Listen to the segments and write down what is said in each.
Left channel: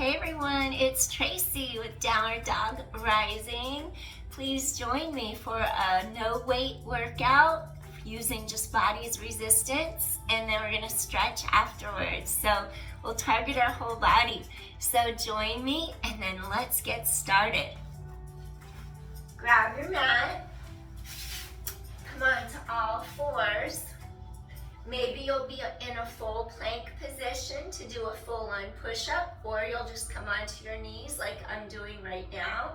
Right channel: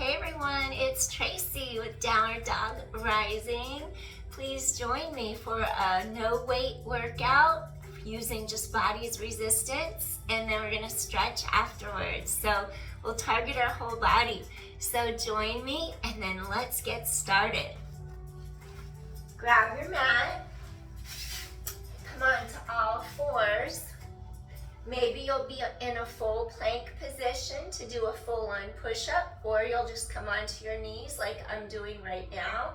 Hey everyone, it's Traci with Downward Dog Rising. Please join me for a no weight workout using just body's resistance, and then we're gonna stretch afterwards. So we'll target our whole body. So join me and then let's get started. Grab your mat, come on to all fours. Maybe you'll be in a full plank position to do a full-on push-up, or you'll just come onto your knees like I'm doing right now.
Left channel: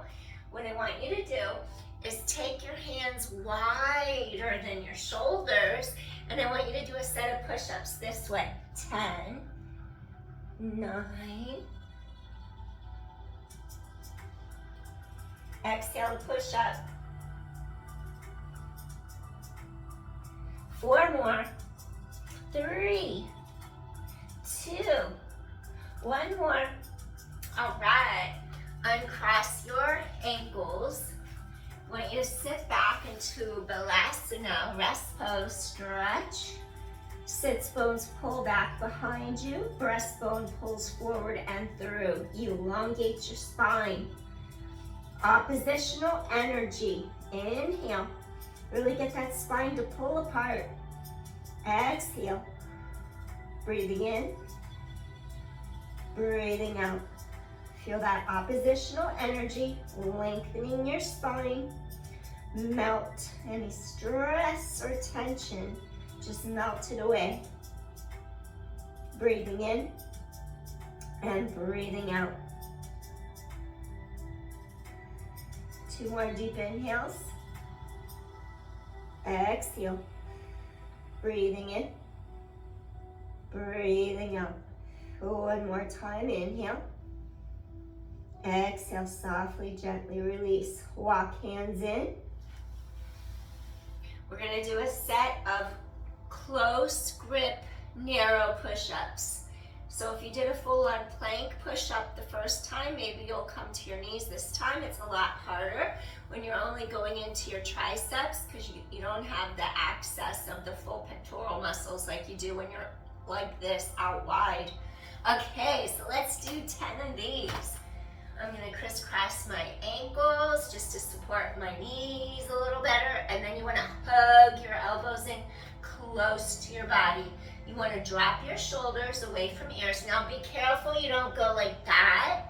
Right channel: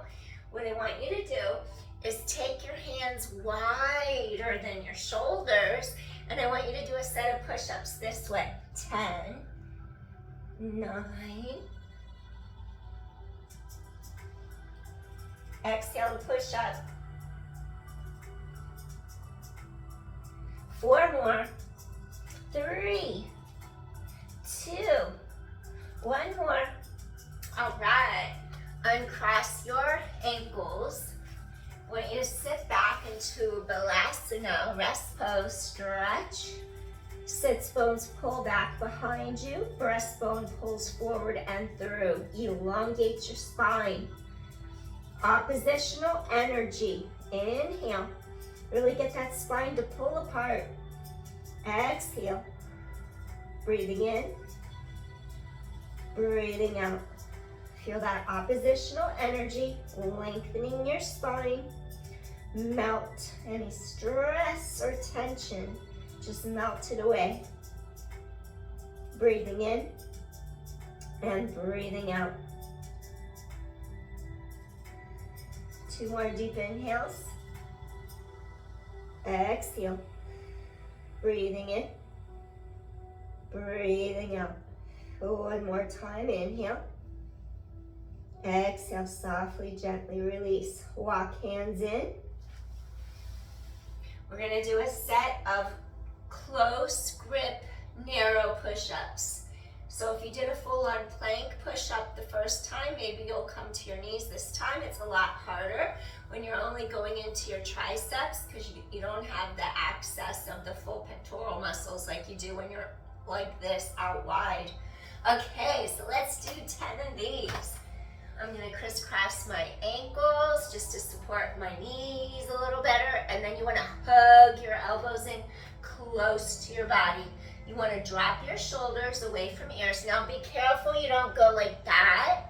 What I want you to do is take your hands wider than your shoulders, and I want you to do a set of push-ups this way. 10, 9, exhale to push up. 4 more. 3, 2, 1 more. All right, uncross your ankles. I want you to sit back into Balasana, rest pose, stretch. Sits bones pull back behind you, breastbone pulls forward and through. Elongate your spine. Oppositional energy. Inhale, really get that spine to pull apart. Exhale, breathing in, breathing out. Feel that oppositional energy, lengthening your spine. Melt any stress or tension, just melt it away. Breathing in and breathing out. 2 more deep inhales. Exhale. Breathing in, breathing out. 1 more time, inhale. Exhale, softly, gently release. Walk hands in. We're gonna do a set of close grip, narrow push-ups. So if you did a full-on plank push-up the first time, maybe you'll come to your knees. This time it's a lot harder when you're only going into your triceps because you don't have the access of the full pectoral muscles like you do when you're like this out wide. Okay, so let's do 10 of these. I'm gonna crisscross my ankles just to support my knees a little better, and then you wanna hug your elbows in close to your body. You want to drop your shoulders away from ears. Now be careful you don't go like that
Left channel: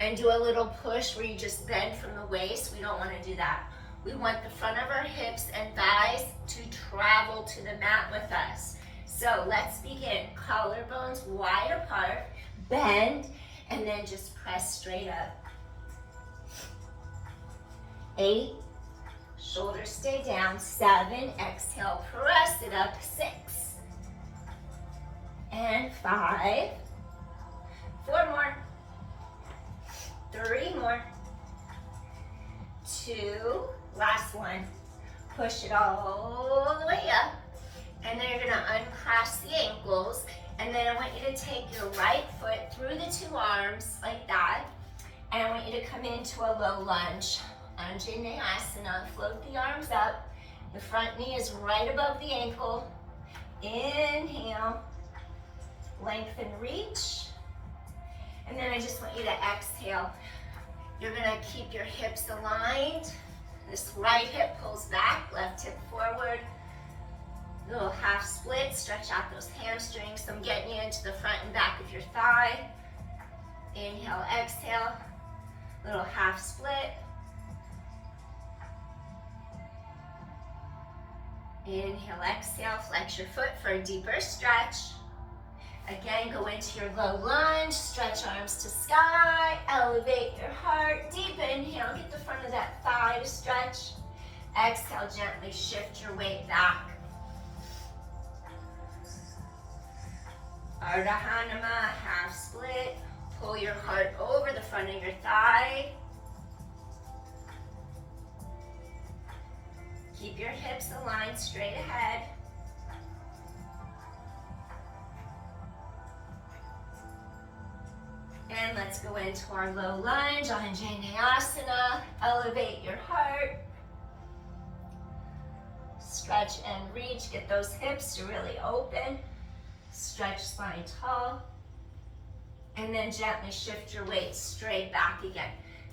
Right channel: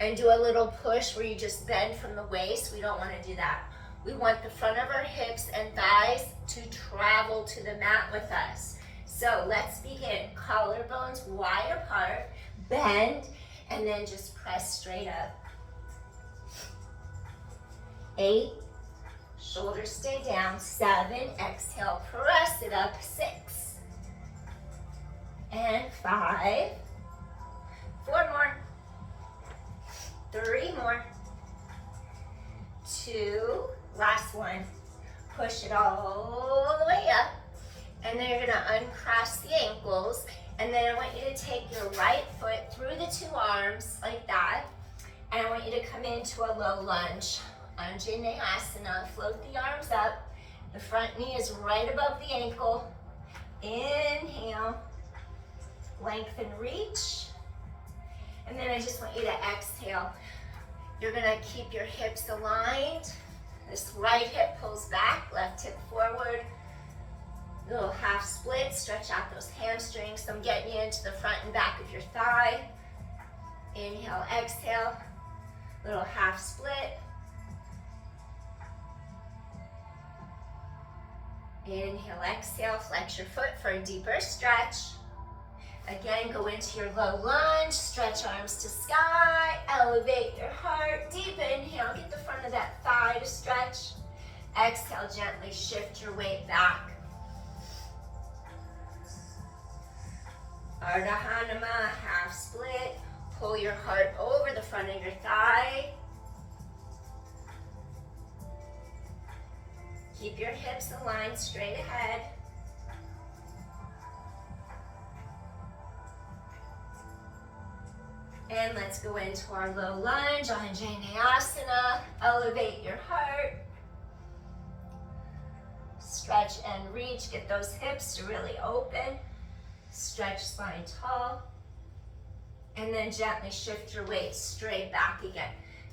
and do a little push where you just bend from the waist. We don't want to do that. We want the front of our hips and thighs to travel to the mat with us. So let's begin. Collarbones wide apart, bend, and then just press straight up. 8, shoulders stay down. 7, exhale, press it up. 6. And 5, 4 more, 3 more, 2, last one. Push it all the way up, and then you're gonna uncross the ankles, and then I want you to take your right foot through the 2 arms like that, and I want you to come into a low lunge. Anjaneyasana, float the arms up, the front knee is right above the ankle. Inhale. Lengthen, reach, and then I just want you to exhale. You're gonna keep your hips aligned. This right hip pulls back, left hip forward. Little half split, stretch out those hamstrings. So I'm getting you into the front and back of your thigh. Inhale, exhale, little half split. Inhale, exhale, flex your foot for a deeper stretch. Again, go into your low lunge, stretch arms to sky, elevate your heart, deep inhale, get the front of that thigh to stretch. Exhale, gently shift your weight back. Ardha Hanuman, half split, pull your heart over the front of your thigh. Keep your hips aligned straight ahead. And let's go into our low lunge, Anjaneyasana. Elevate your heart. Stretch and reach, get those hips to really open. Stretch spine tall. And then gently shift your weight straight back again.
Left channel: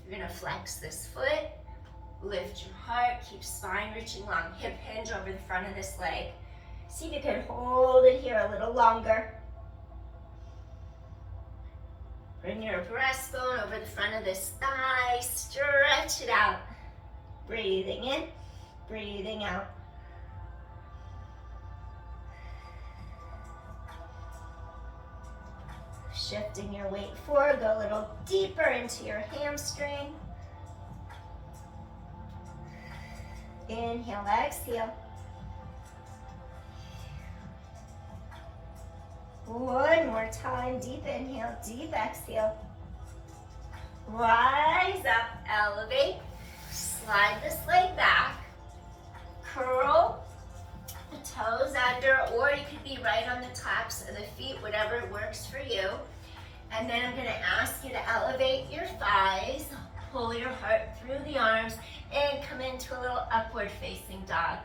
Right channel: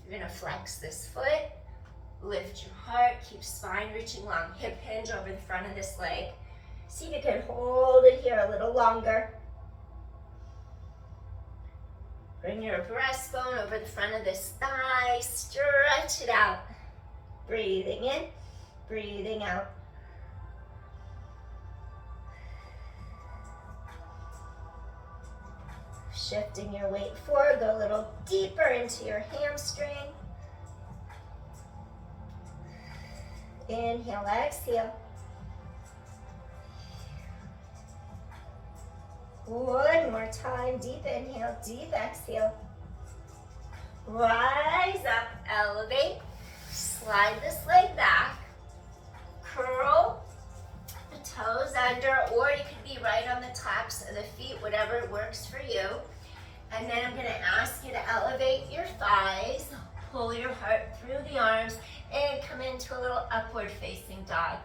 You're gonna flex this foot, lift your heart, keep spine reaching long, hip hinge over the front of this leg. See if you can hold it here a little longer. Bring your breastbone over the front of this thigh, stretch it out. Breathing in, breathing out. Shifting your weight forward, go a little deeper into your hamstring. Inhale, exhale. One more time, deep inhale, deep exhale. Rise up, elevate, slide this leg back, curl the toes under, or you could be right on the tops of the feet, whatever works for you. And then I'm gonna ask you to elevate your thighs, pull your heart through the arms, and come into a little upward facing dog.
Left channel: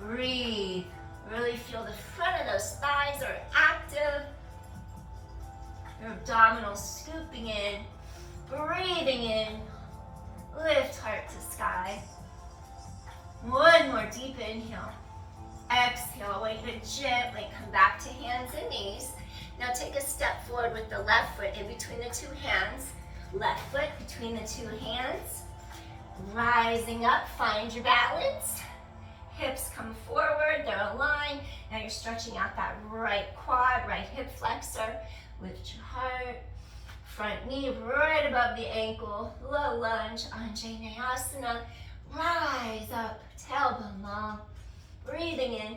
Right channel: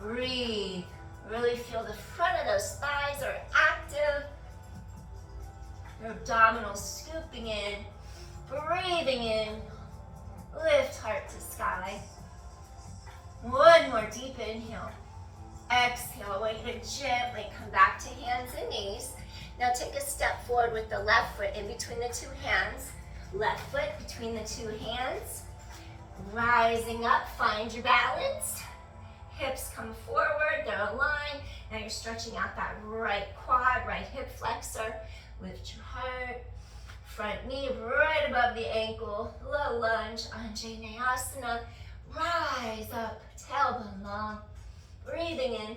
Breathe. Really feel the front of those thighs are active. Your abdominals scooping in, breathing in. Lift heart to sky. One more deep inhale. Exhale, I want you to gently come back to hands and knees. Now take a step forward with the left foot in between the two hands. Left foot between the two hands. Rising up, find your balance. Hips come forward, they're aligned. Now you're stretching out that right quad, right hip flexor. Lift your heart. Front knee right above the ankle. Low lunge, Anjaneyasana. Rise up, tailbone long. Breathing in.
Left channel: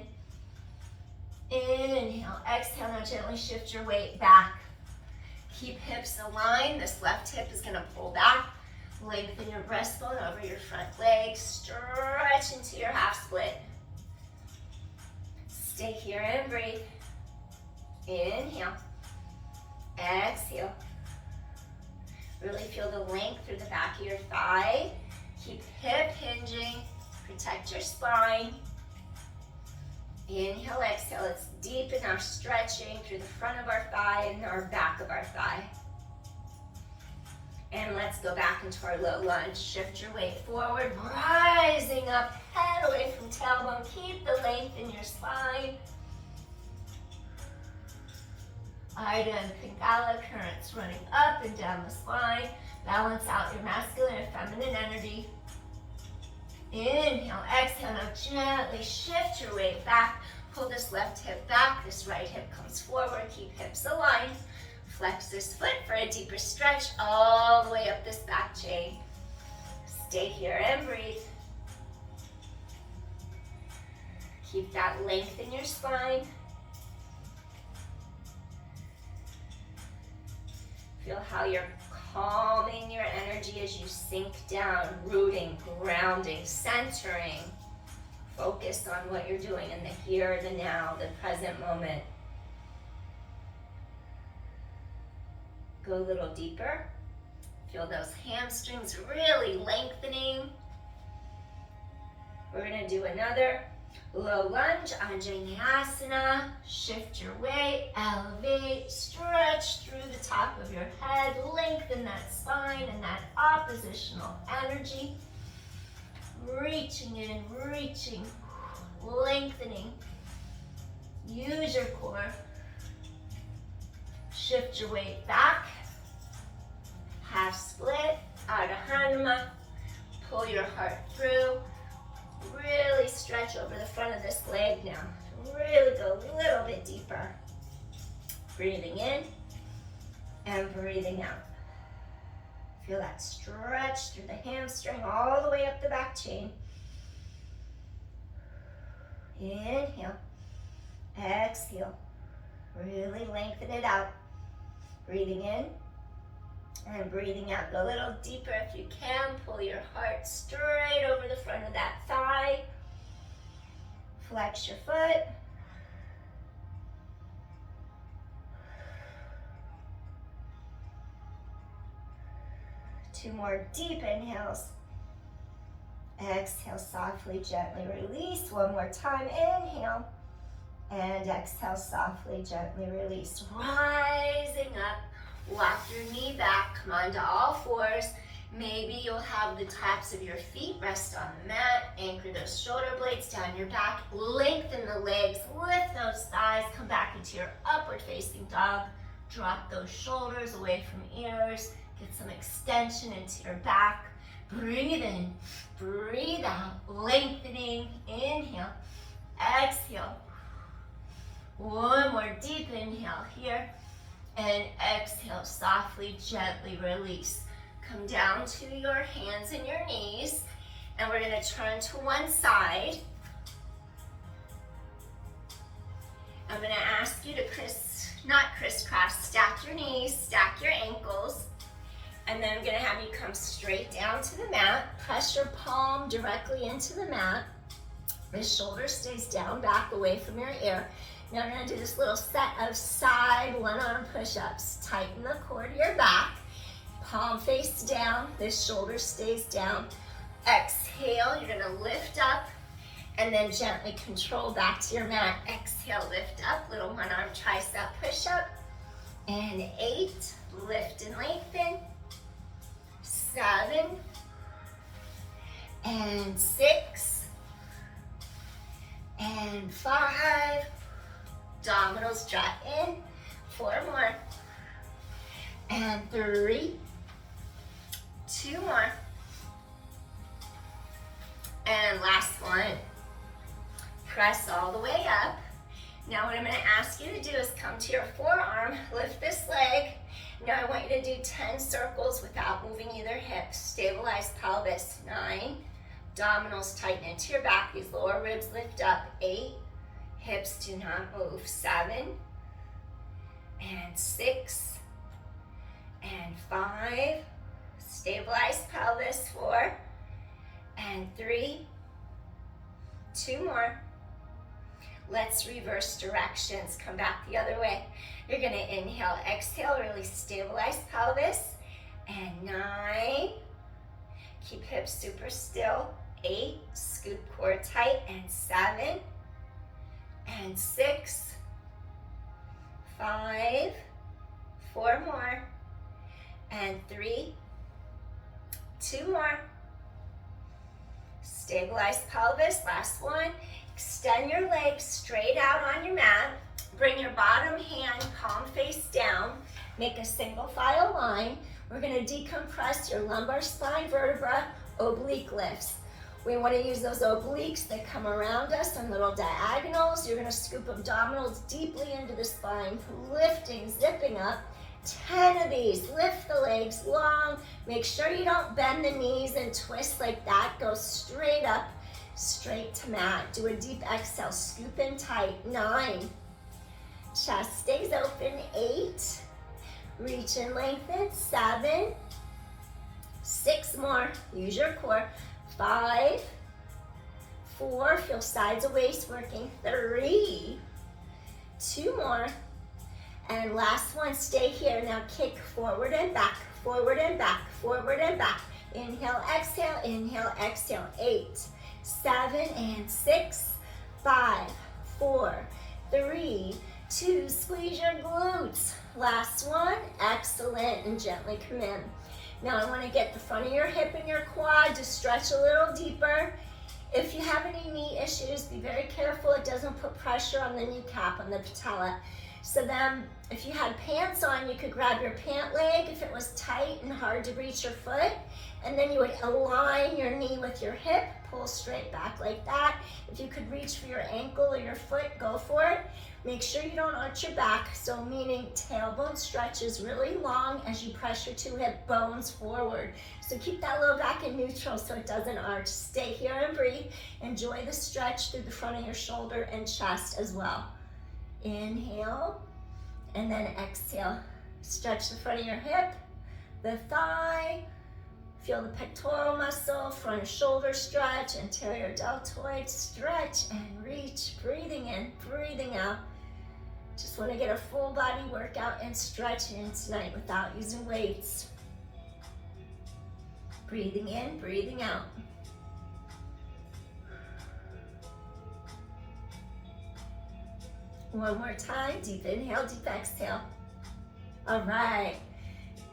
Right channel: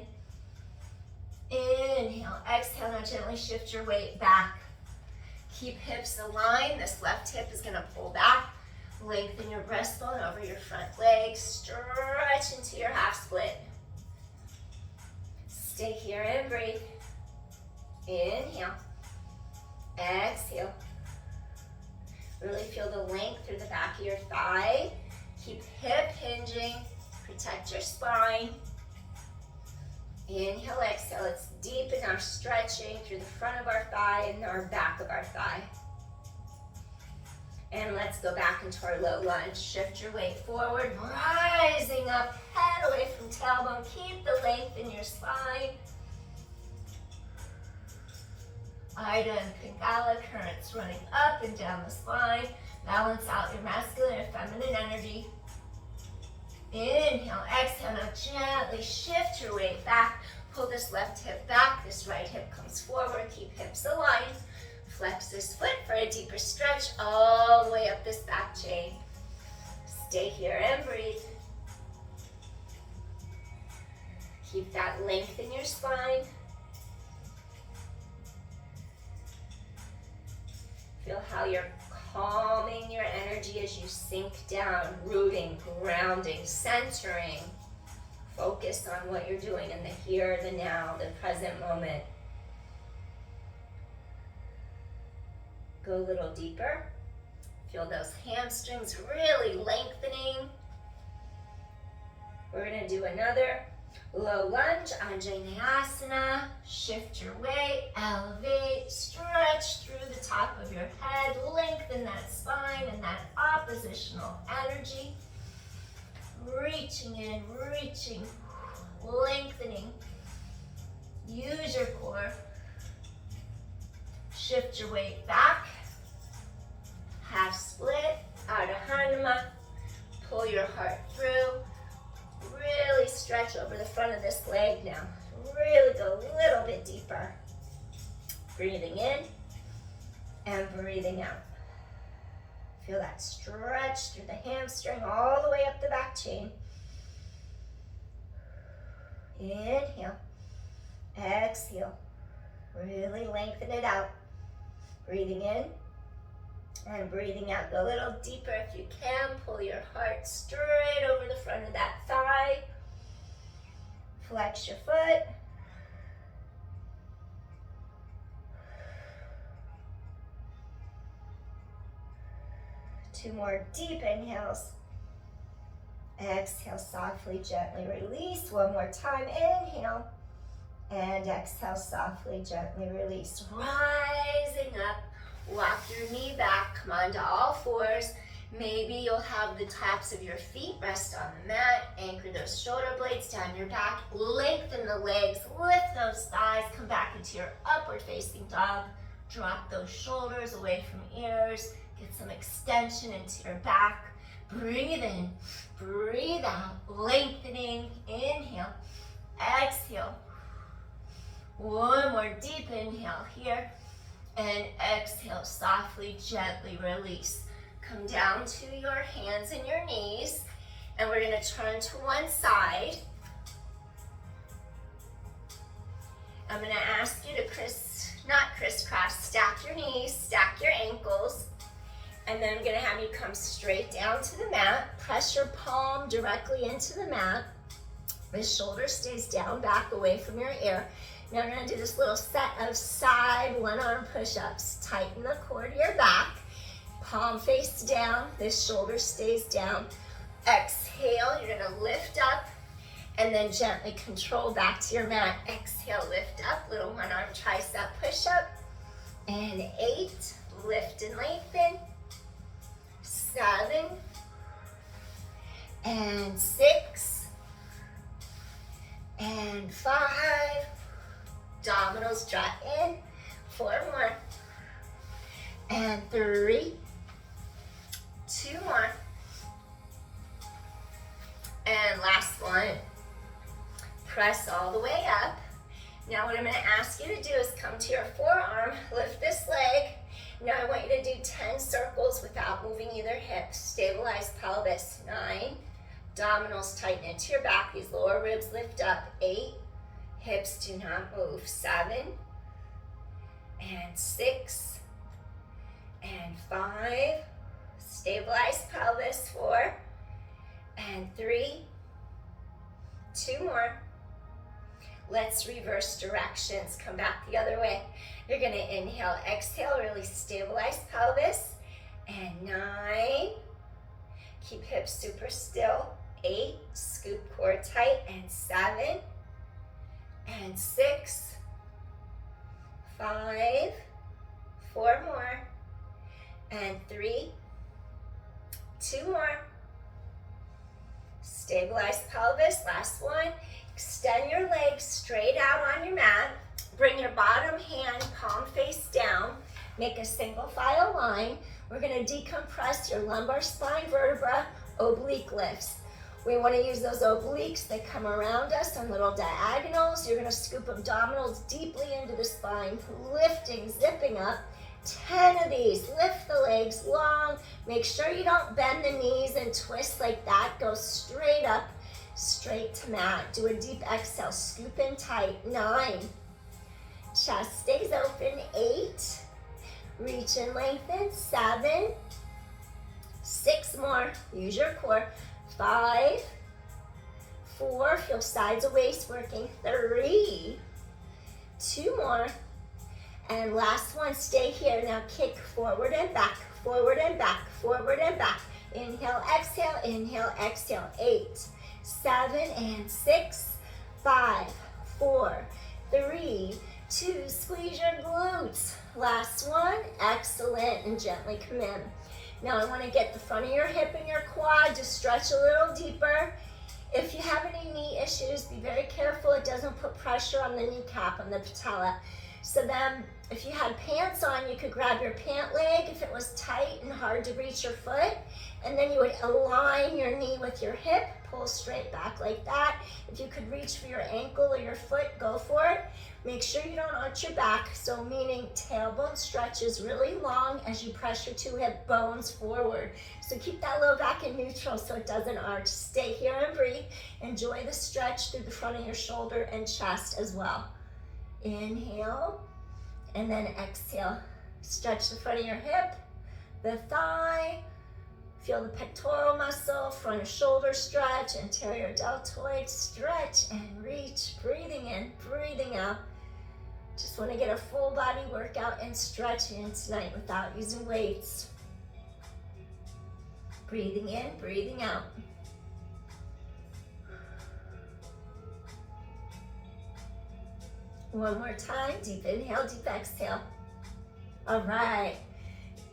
Inhale, exhale. Now gently shift your weight back. Keep hips aligned. This left hip is gonna pull back. Lengthen your breastbone over your front leg. Stretch into your half split. Stay here and breathe. Inhale. Exhale. Really feel the length through the back of your thigh. Keep hip hinging. Protect your spine. Inhale, exhale. Let's deepen our stretching through the front of our thigh and our back of our thigh. And let's go back into our low lunge. Shift your weight forward, rising up, head away from tailbone. Keep the length in your spine. Ida and Pingala currents running up and down the spine. Balance out your masculine and feminine energy. Inhale, exhale. Now gently shift your weight back. Pull this left hip back. This right hip comes forward. Keep hips aligned. Flex this foot for a deeper stretch all the way up this back chain. Stay here and breathe. Keep that length in your spine. Feel how you're calming your energy as you sink down, rooting, grounding, centering. Focus on what you're doing in the here, the now, the present moment. Go a little deeper. Feel those hamstrings really lengthening. We're gonna do another low lunge, Anjaneyasana. Shift your weight, elevate, stretch through the top of your head, lengthen that spine and that oppositional energy. Reaching in, reaching, lengthening. Use your core. Shift your weight back. Half split, Ardha Hanuman. Pull your heart through. Really stretch over the front of this leg now. Really go a little bit deeper. Breathing in and breathing out. Feel that stretch through the hamstring all the way up the back chain. Inhale. Exhale. Really lengthen it out. Breathing in and breathing out. Go a little deeper if you can. Pull your heart straight over the front of that thigh. Flex your foot. Two more deep inhales. Exhale softly, gently release. One more time. Inhale. And exhale, softly, gently release. Rising up, walk your knee back, come onto all fours. Maybe you'll have the tops of your feet rest on the mat, anchor those shoulder blades down your back, lengthen the legs, lift those thighs, come back into your upward facing dog, drop those shoulders away from ears, get some extension into your back, breathe in, breathe out, lengthening, inhale, exhale. One more deep inhale here, and exhale, softly, gently release. Come down to your hands and your knees, and we're gonna turn to one side. I'm gonna ask you to not crisscross, stack your knees, stack your ankles, and then I'm gonna have you come straight down to the mat, press your palm directly into the mat. The shoulder stays down, back away from your ear. Now we're gonna do this little set of side one arm push-ups. Tighten the core to your back, palm face down, this shoulder stays down. Exhale, you're gonna lift up and then gently control back to your mat. Exhale, lift up, little one arm tricep push-up. And 8, lift and lengthen. 7, and 6, and 5, abdominals drop in, 4 more, and 3, 2 more, and last one. Press all the way up. Now what I'm going to ask you to do is come to your forearm, lift this leg. Now I want you to do 10 circles without moving either hip. Stabilize pelvis. 9, abdominals tighten into your back. These lower ribs lift up. 8, hips do not move. 7, and 6, and 5, stabilize pelvis. 4, and 3, 2 more. Let's reverse directions. Come back the other way. You're gonna inhale, exhale, really stabilize pelvis. And 9, keep hips super still. 8, scoop core tight. And 7, and 6, 5, 4 more, and 3, 2 more. Stabilize pelvis, last one. Extend your legs straight out on your mat. Bring your bottom hand, palm face down. Make a single file line. We're gonna decompress your lumbar spine vertebra, oblique lifts. We wanna use those obliques that come around us on little diagonals. You're gonna scoop abdominals deeply into the spine, lifting, zipping up. 10 of these, lift the legs long. Make sure you don't bend the knees and twist like that. Go straight up, straight to mat. Do a deep exhale, scoop in tight. 9, chest stays open. 8, reach and lengthen. 7, 6 more, use your core. 5, 4, feel sides of waist working. 3, 2 more, and last one, stay here. Now kick forward and back, forward and back, forward and back. Inhale, exhale, inhale, exhale. 8, 7, and 6, 5, 4, 3, 2, squeeze your glutes. Last one, excellent, and gently come in. Now I want to get the front of your hip and your quad to stretch a little deeper. If you have any knee issues, be very careful it doesn't put pressure on the kneecap, on the patella. So then, if you had pants on, you could grab your pant leg if it was tight and hard to reach your foot, and then you would align your knee with your hip, pull straight back like that. If you could reach for your ankle or your foot, go for it. Make sure you don't arch your back, so meaning tailbone stretches really long as you press your 2 hip bones forward. So keep that low back in neutral so it doesn't arch. Stay here and breathe. Enjoy the stretch through the front of your shoulder and chest as well. Inhale, and then exhale. Stretch the front of your hip, the thigh, feel the pectoral muscle, front of shoulder stretch, anterior deltoid stretch, and reach, breathing in, breathing out. Just want to get a full body workout and stretch in tonight without using weights. Breathing in, breathing out. One more time, deep inhale, deep exhale. All right,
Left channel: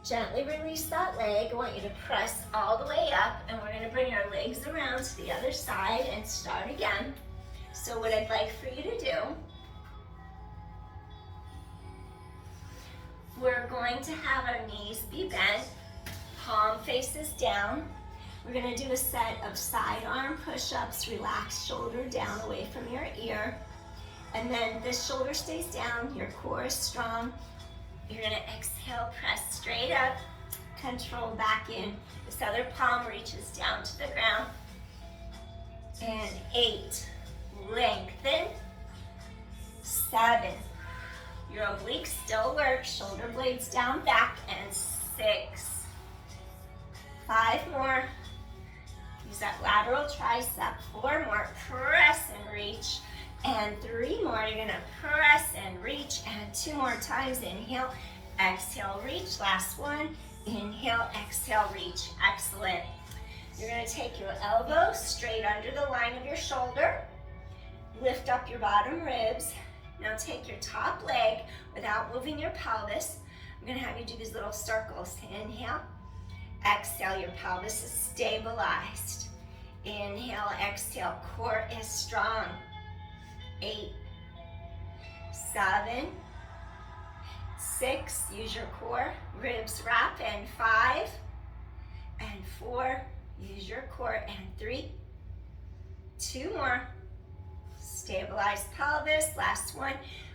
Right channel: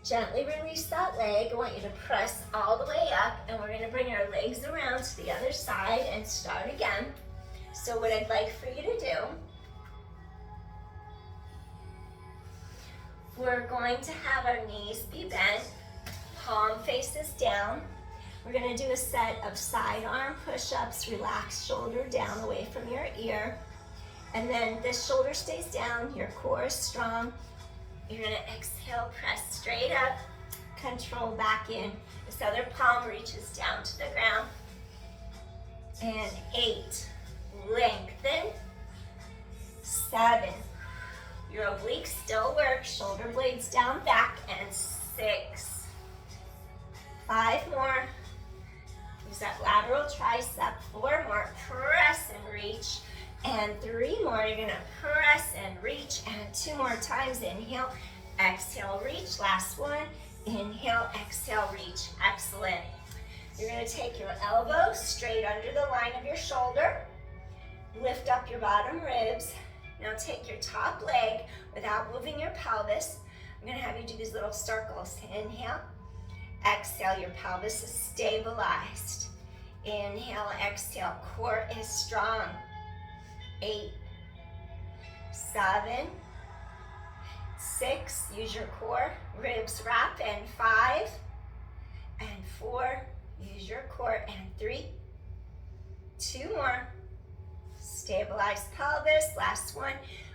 gently release that leg. I want you to press all the way up, and we're gonna bring our legs around to the other side and start again. So what I'd like for you to do, we're going to have our knees be bent, palm faces down. We're gonna do a set of side arm push-ups, relax shoulder down away from your ear. And then this shoulder stays down, your core is strong. You're gonna exhale, press straight up, control back in. This other palm reaches down to the ground. And 8, lengthen. 7, your obliques still work, shoulder blades down, back, and 6. 5 more. Use that lateral tricep. 4 more, press and reach. And 3 more, you're gonna press and reach. And 2 more times, inhale, exhale, reach. Last one, inhale, exhale, reach. Excellent. You're gonna take your elbow straight under the line of your shoulder. Lift up your bottom ribs. Now take your top leg without moving your pelvis. I'm gonna have you do these little circles. Inhale, exhale, your pelvis is stabilized. Inhale, exhale, core is strong. 8, 7, 6, use your core, ribs wrap, and 5, and 4, use your core, and 3, 2 more, stabilize pelvis, last one,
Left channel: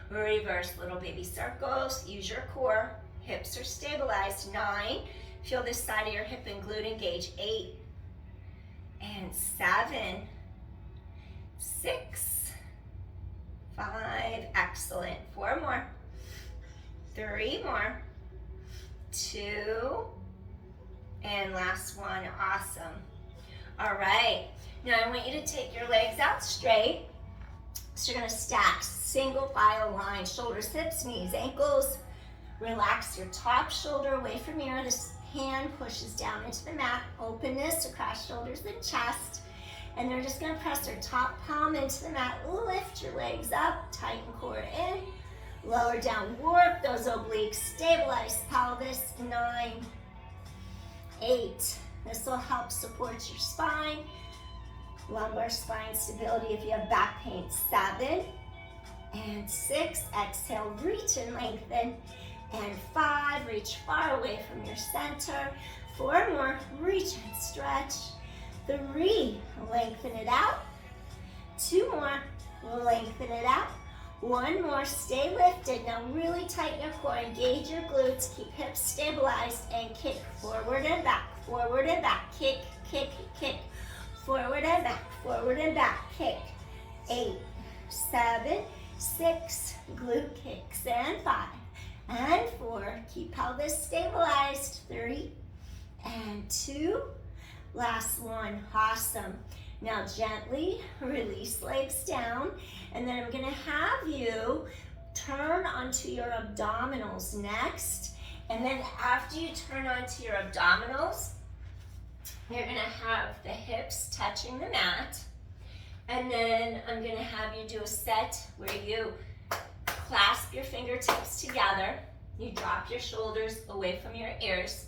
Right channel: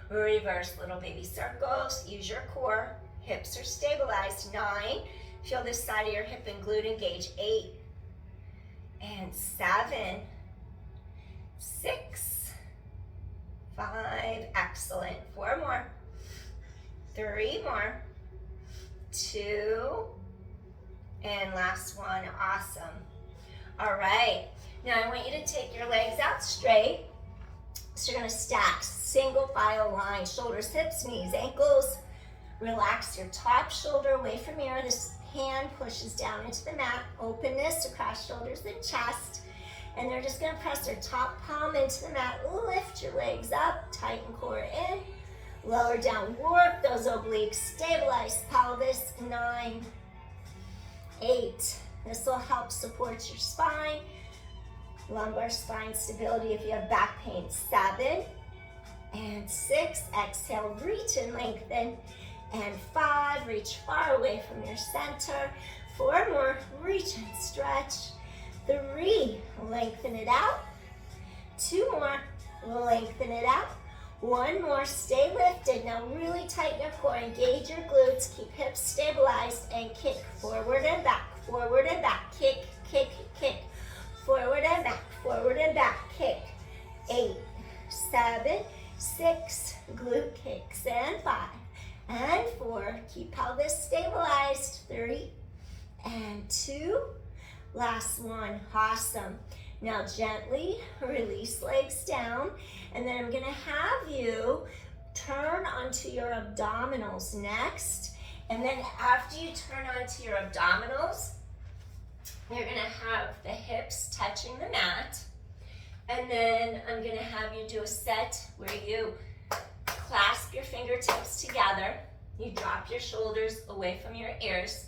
reverse little baby circles, use your core, hips are stabilized, 9, feel this side of your hip and glute engage, 8, and 7, 6, 5, excellent, 4 more, 3 more, 2, and last one, awesome. All right, now I want you to take your legs out straight. So you're gonna stack single file line, shoulders, hips, knees, ankles. Relax your top shoulder away from here. This hand pushes down into the mat. Openness across shoulders and chest. And they're just gonna press their top palm into the mat. Lift your legs up, tighten core in. Lower down, work those obliques, stabilize pelvis, 9, 8. This will help support your spine. Lumbar spine stability if you have back pain, 7, and 6. Exhale, reach and lengthen. And 5, reach far away from your center. 4 more, reach and stretch. 3, lengthen it out. 2 more, lengthen it out. 1 more, stay lifted. Now really tighten your core, engage your glutes, keep hips stabilized, and kick forward and back, kick, kick, kick. Forward and back, kick. 8, 7, 6, glute kicks, and 5, and 4. Keep pelvis stabilized. 3, and 2. Last one, awesome. Now gently release legs down, and then I'm gonna have you turn onto your abdominals next. And then after you turn onto your abdominals, you're gonna have the hips touching the mat. And then I'm gonna have you do a set where you clasp your fingertips together. You drop your shoulders away from your ears.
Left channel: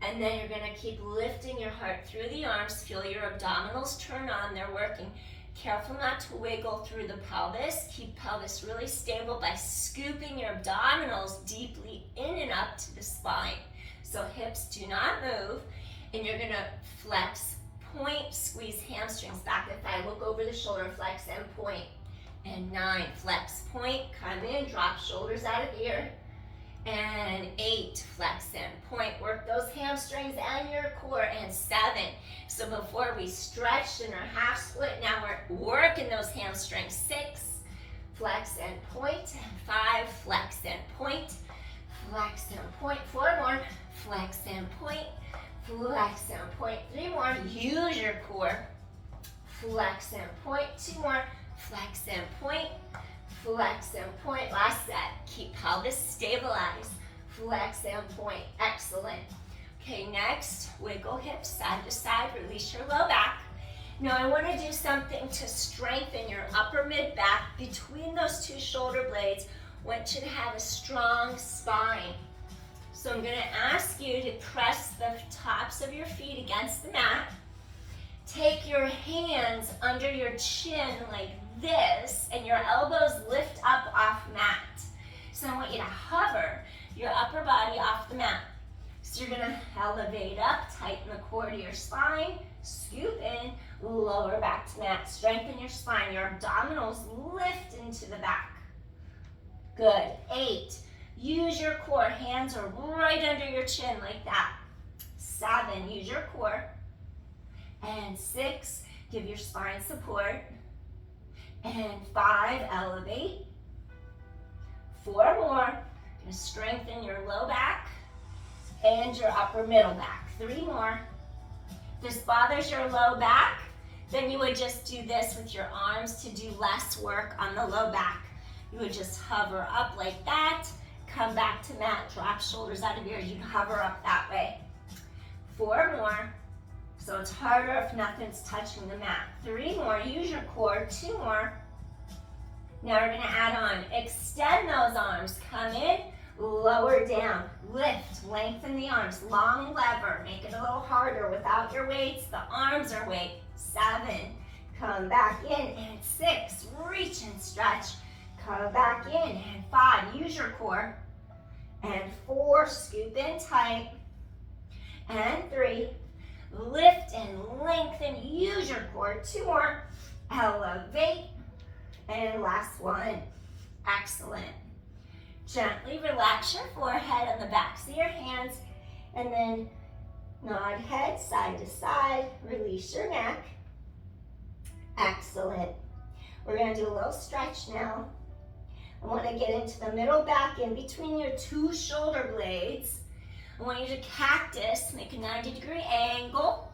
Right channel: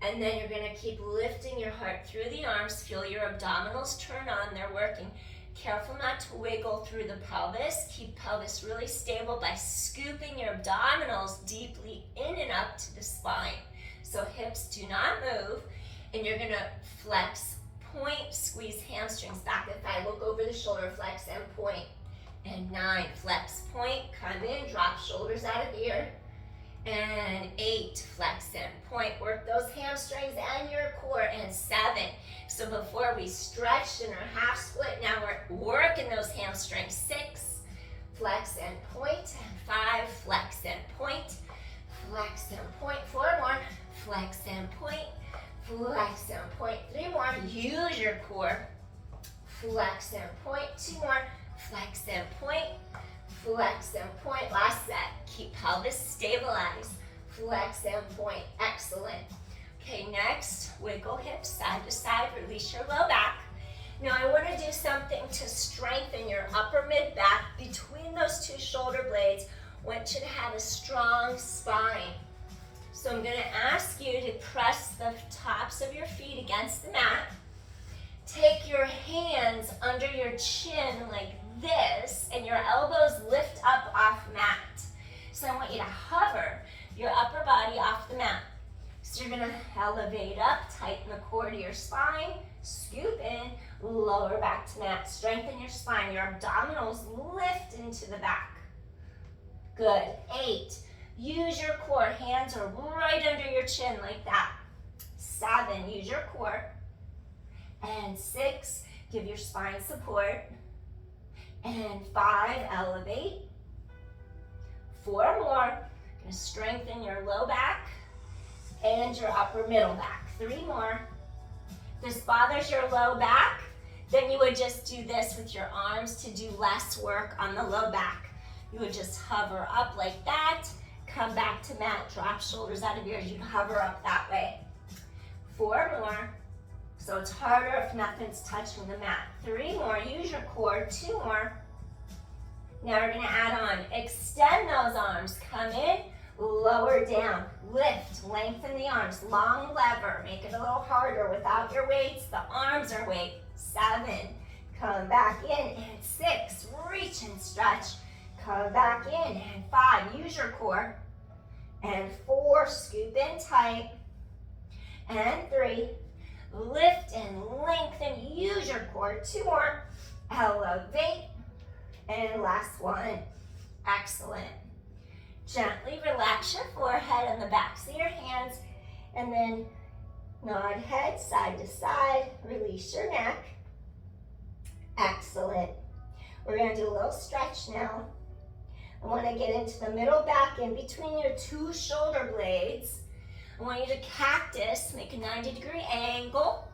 And then you're gonna keep lifting your heart through the arms. Feel your abdominals turn on, they're working. Careful not to wiggle through the pelvis. Keep pelvis really stable by scooping your abdominals deeply in and up to the spine. So hips do not move. And you're gonna flex, point, squeeze hamstrings back and thigh. Look over the shoulder, flex and point. And 9, flex, point, come in, drop shoulders out of ear. And 8, flex and point. Work those hamstrings and your core. And 7. So before we stretched in our half split, now we're working those hamstrings. 6, flex and point. And 5, flex and point. Flex and point. 4 more, flex and point. Flex and point. 3 more, use your core. Flex and point. 2 more, flex and point. Flex and point. Last set. Keep pelvis stabilized. Flex and point. Excellent. Okay, next, wiggle hips side to side. Release your low back. Now I want to do something to strengthen your upper mid-back between those two shoulder blades. I want you to have a strong spine. So I'm going to ask you to press the tops of your feet against the mat. Take your hands under your chin like this, and your elbows lift up off mat. So I want you to hover your upper body off the mat. So you're going to elevate up, tighten the core to your spine, scoop in, lower back to mat. Strengthen your spine. Your abdominals lift into the back. Good. 8. Use your core. Hands are right under your chin like that. 7. Use your core. And 6. Give your spine support. And 5. Elevate. 4 more. Going to strengthen your low back and your upper middle back. 3 more. If this bothers your low back, then you would just do this with your arms to do less work on the low back. You would just hover up like that, come back to mat, drop shoulders out of ears. You'd hover up that way. 4 more. So it's harder if nothing's touching the mat. 3 more. Use your core. 2 more. Now we're going to add on. Extend those arms. Come in, lower down, lift, lengthen the arms, long lever. Make it a little harder without your weights. The arms are weight. 7. Come back in. And 6. Reach and stretch. Come back in. And 5. Use your core. And 4. Scoop in tight. And 3. Lift and lengthen. Use your core. 2 more. Elevate. And last one. Excellent. Gently relax your forehead on the backs of your hands. And then nod head side to side. Release your neck. Excellent. We're going to do a little stretch now. I want to get into the middle back in between your two shoulder blades. I want you to cactus, make a 90-degree angle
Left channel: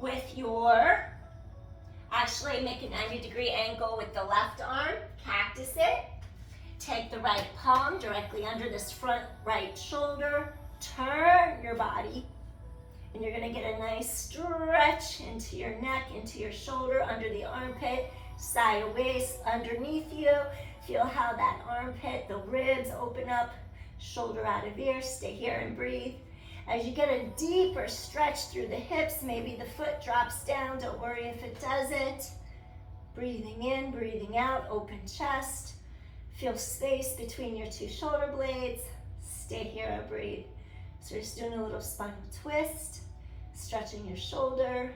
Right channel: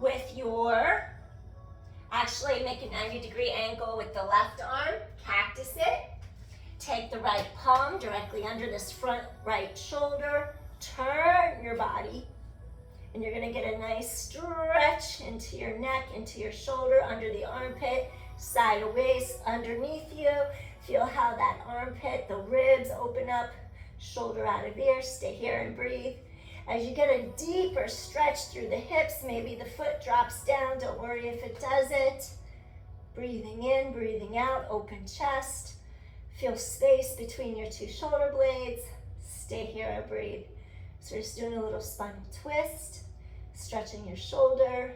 with your, actually make a 90-degree angle with the left arm, cactus it. Take the right palm directly under this front right shoulder, turn your body, and you're going to get a nice stretch into your neck, into your shoulder, under the armpit, side of waist, underneath you. Feel how that armpit, the ribs open up, shoulder out of ear. Stay here and breathe. As you get a deeper stretch through the hips, maybe the foot drops down. Don't worry if it doesn't. Breathing in, breathing out, open chest. Feel space between your two shoulder blades. Stay here and breathe. So just doing a little spinal twist, stretching your shoulder.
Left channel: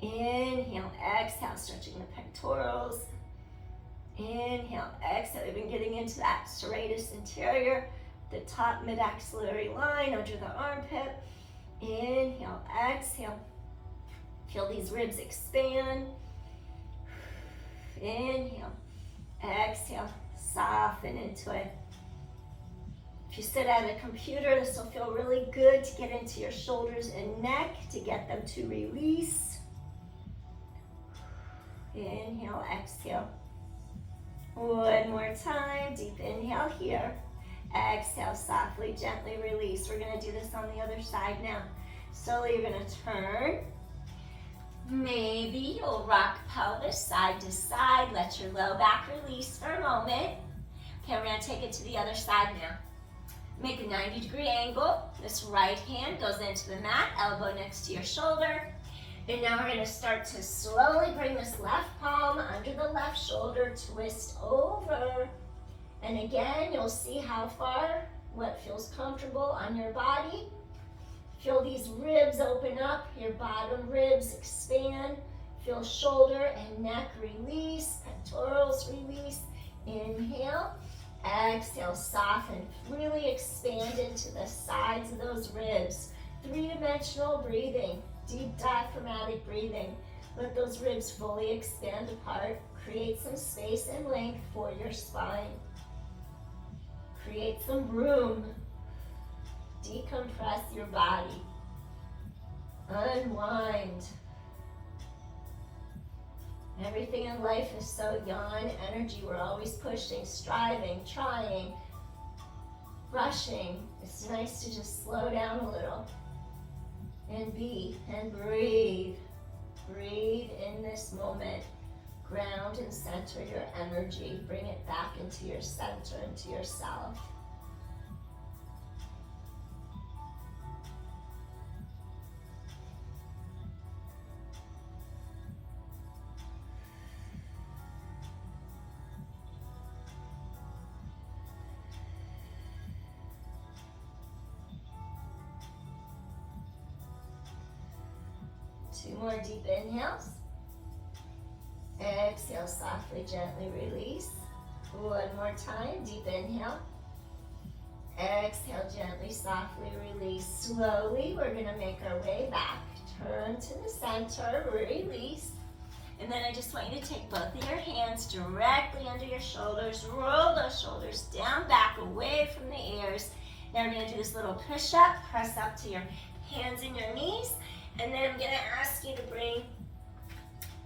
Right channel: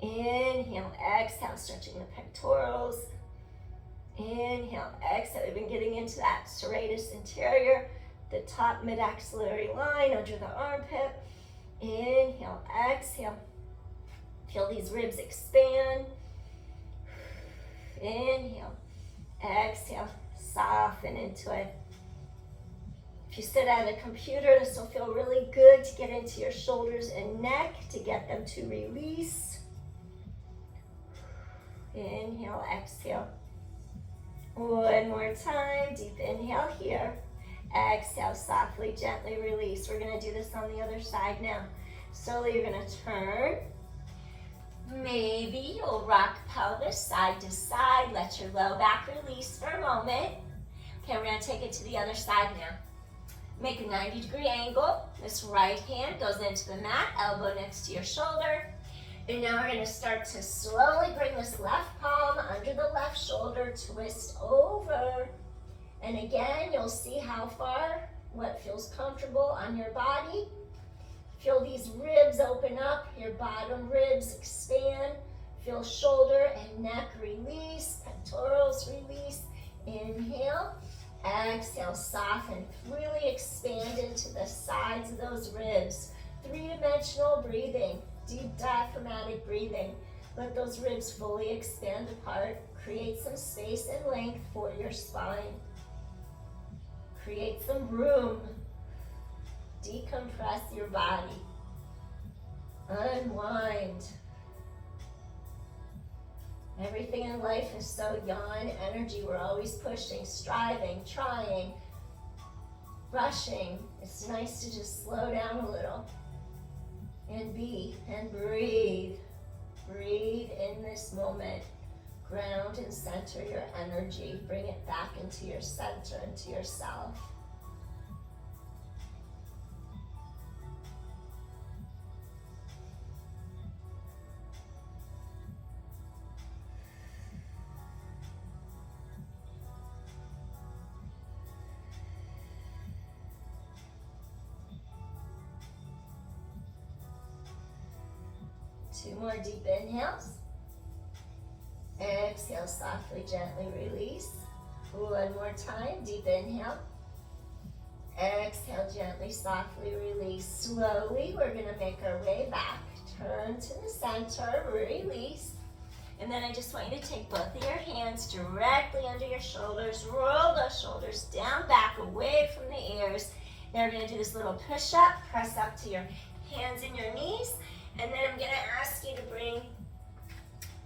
Inhale, exhale, stretching the pectorals. Inhale, exhale. We've been getting into that serratus anterior, the top mid-axillary line under the armpit. Inhale, exhale. Feel these ribs expand. Inhale, exhale, soften into it. If you sit at a computer, this will feel really good to get into your shoulders and neck, to get them to release. Inhale, exhale. One more time, deep inhale here. Exhale, softly, gently release. We're gonna do this on the other side now. Slowly you're gonna turn. Maybe you'll rock pelvis side to side. Let your low back release for a moment. Okay, we're gonna take it to the other side now. Make a 90-degree angle. This right hand goes into the mat, elbow next to your shoulder. And now we're gonna start to slowly bring this left palm under the left shoulder, twist over. And again, you'll see how far, what feels comfortable on your body. Feel these ribs open up, your bottom ribs expand. Feel shoulder and neck release, pectorals release. Inhale, exhale, soften. Really expand into the sides of those ribs. 3-dimensional breathing, deep diaphragmatic breathing. Let those ribs fully expand apart. Create some space and length for your spine. Create some room. Decompress your body. Unwind. Everything in life is so yawn energy. We're always pushing, striving, trying, rushing. It's nice to just slow down a little and be and breathe. Breathe in this moment. Ground and center your energy. Bring it back into your center, into yourself. Two more deep inhales. Exhale, softly, gently release. One more time, deep inhale. Exhale, gently, softly release. Slowly, we're gonna make our way back. Turn to the center, release. And then I just want you to take both of your hands directly under your shoulders. Roll those shoulders down, back, away from the ears. Now we're gonna do this little push-up. Press up to your hands and your knees. And then I'm gonna ask you to bring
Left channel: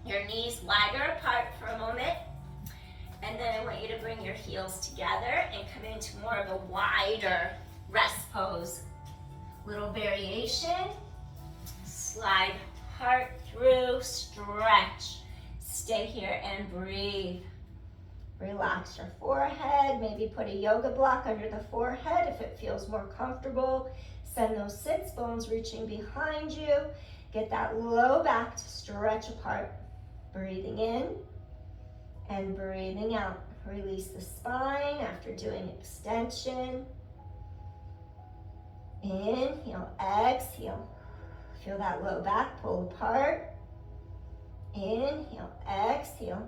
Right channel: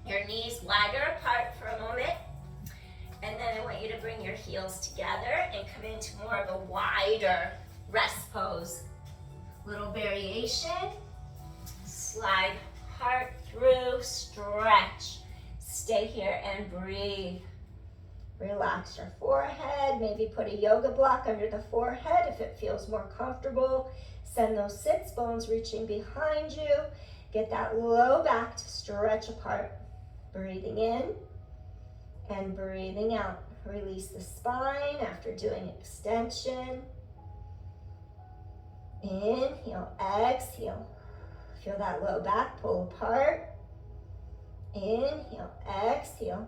your knees wider apart for a moment. And then I want you to bring your heels together and come into more of a wider rest pose. Little variation. Slide heart through, stretch. Stay here and breathe. Relax your forehead. Maybe put a yoga block under the forehead if it feels more comfortable. Send those sits bones reaching behind you. Get that low back to stretch apart. Breathing in and breathing out. Release the spine after doing extension. Inhale, exhale. Feel that low back pull apart. Inhale, exhale.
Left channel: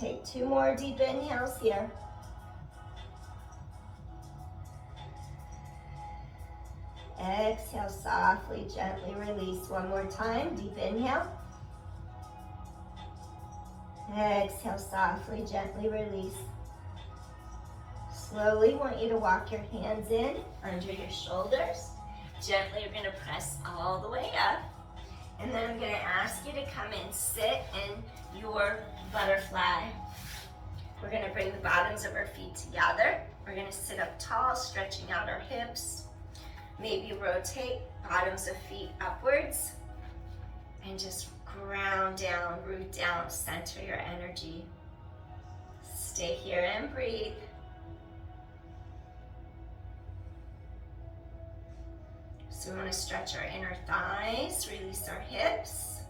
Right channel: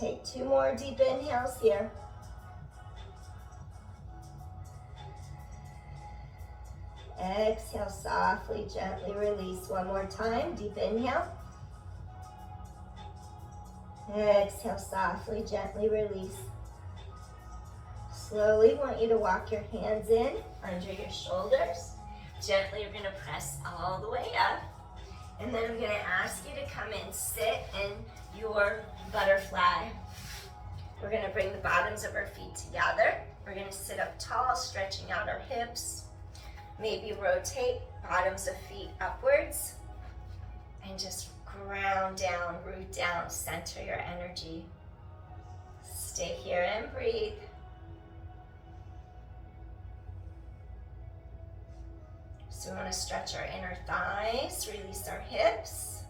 Take two more deep inhales here. Exhale, softly, gently release. One more time, deep inhale. Exhale, softly, gently release. Slowly, want you to walk your hands in under your shoulders. Gently, you're gonna press all the way up. And then I'm gonna ask you to come and sit in your butterfly. We're gonna bring the bottoms of our feet together. We're gonna sit up tall, stretching out our hips. Maybe rotate bottoms of feet upwards. And just ground down, root down, center your energy. Stay here and breathe. So we want to stretch our inner thighs, release our hips.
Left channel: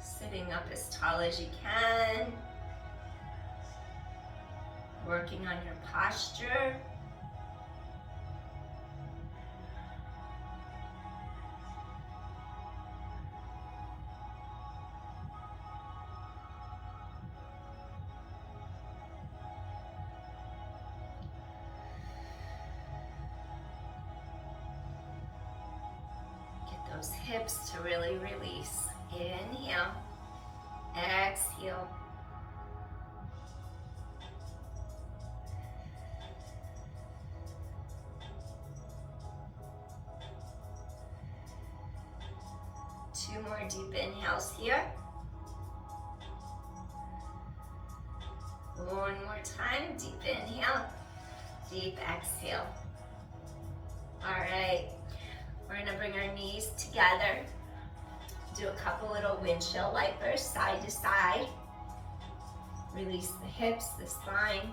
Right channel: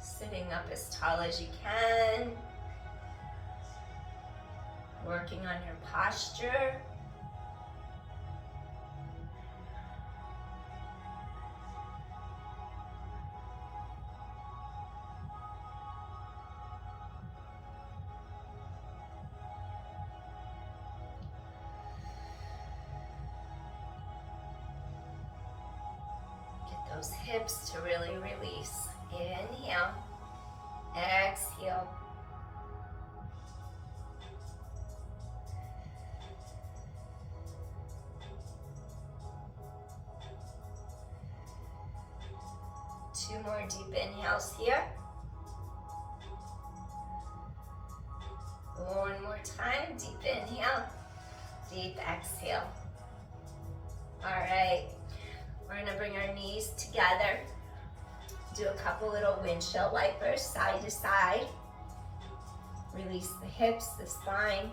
Sitting up as tall as you can. Working on your posture. Those hips to really release. Inhale, exhale. Two more deep inhales here. One more time, deep inhale, deep exhale. All right. We're gonna bring our knees together. Do a couple little windshield wipers side to side. Release the hips, the spine.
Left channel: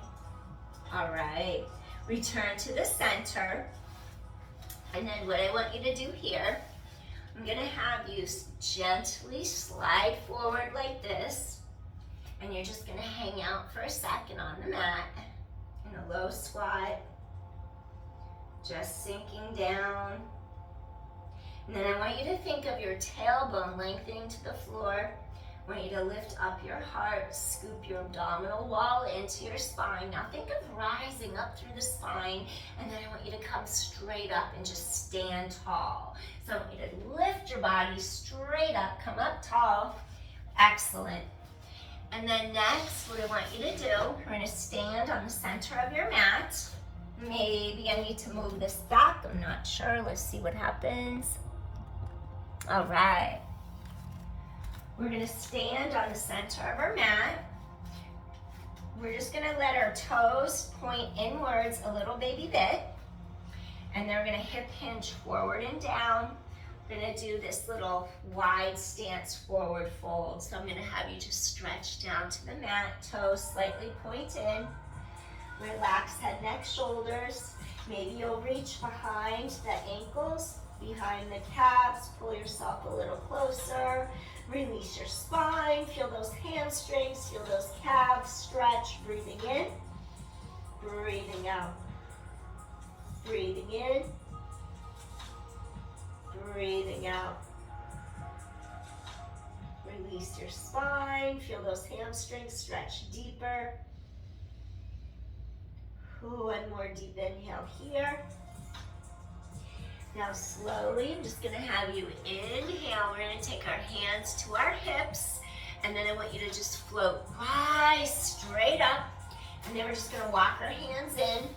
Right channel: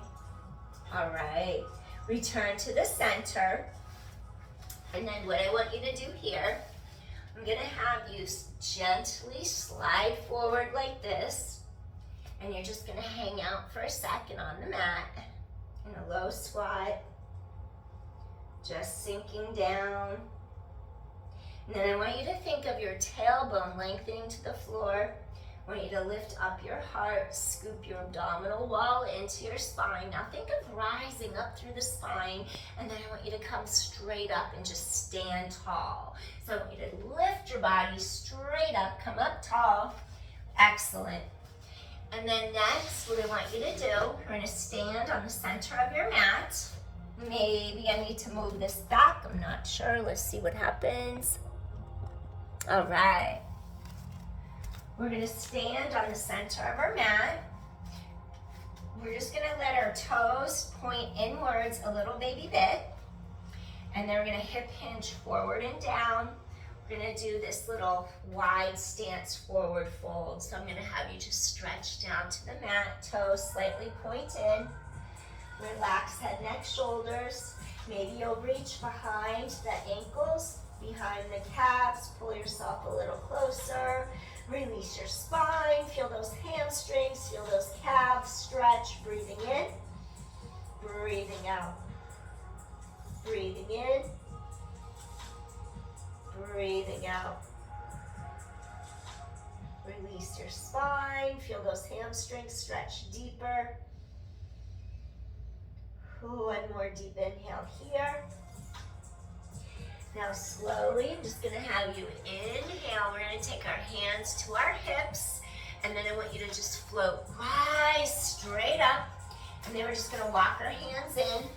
All right. Return to the center. And then what I want you to do here, I'm gonna have you gently slide forward like this. And you're just gonna hang out for a second on the mat in a low squat. Just sinking down. And then I want you to think of your tailbone lengthening to the floor. I want you to lift up your heart, scoop your abdominal wall into your spine. Now think of rising up through the spine, and then I want you to come straight up and just stand tall. So I want you to lift your body straight up, come up tall. Excellent. And then next, what I want you to do, we're gonna stand on the center of your mat. Maybe I need to move this back, I'm not sure. Let's see what happens. All right. We're gonna stand on the center of our mat. We're just gonna let our toes point inwards a little baby bit. And then we're gonna hip hinge forward and down. We're gonna do this little wide stance forward fold. So I'm gonna have you just stretch down to the mat, toes slightly pointed. Relax head, neck, shoulders. Maybe you'll reach behind the ankles, behind the calves, pull yourself a little closer. Release your spine, feel those hamstrings, feel those calves, stretch, breathing in, breathing out. Breathing in, breathing out. Release your spine, feel those hamstrings, stretch deeper. One more deep inhale here. Now slowly, I'm just gonna have you inhale. We're gonna take our hands to our hips, and then I want you to just float right straight up. And then we're just gonna walk our hands in.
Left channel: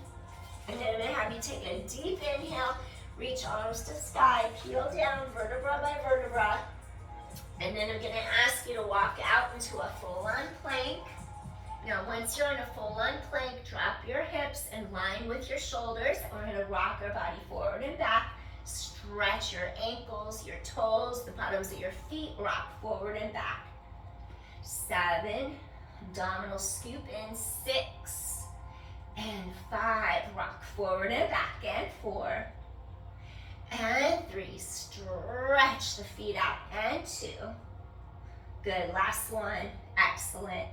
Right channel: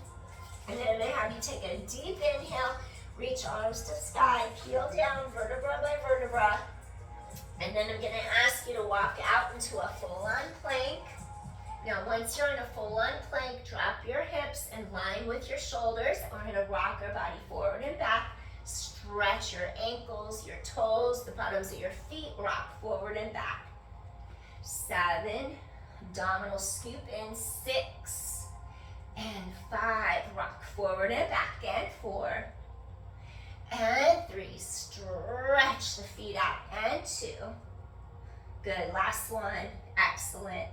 And then I'm gonna have you take a deep inhale, reach arms to sky, peel down vertebra by vertebra. And then I'm gonna ask you to walk out into a full-on plank. Now, once you're in a full-on plank, drop your hips in line with your shoulders. And we're gonna rock our body forward and back. Stretch your ankles, your toes, the bottoms of your feet, rock forward and back. 7, abdominal scoop in, 6, and 5, rock forward and back, and 4, and 3, stretch the feet out, and 2, good, last one, excellent.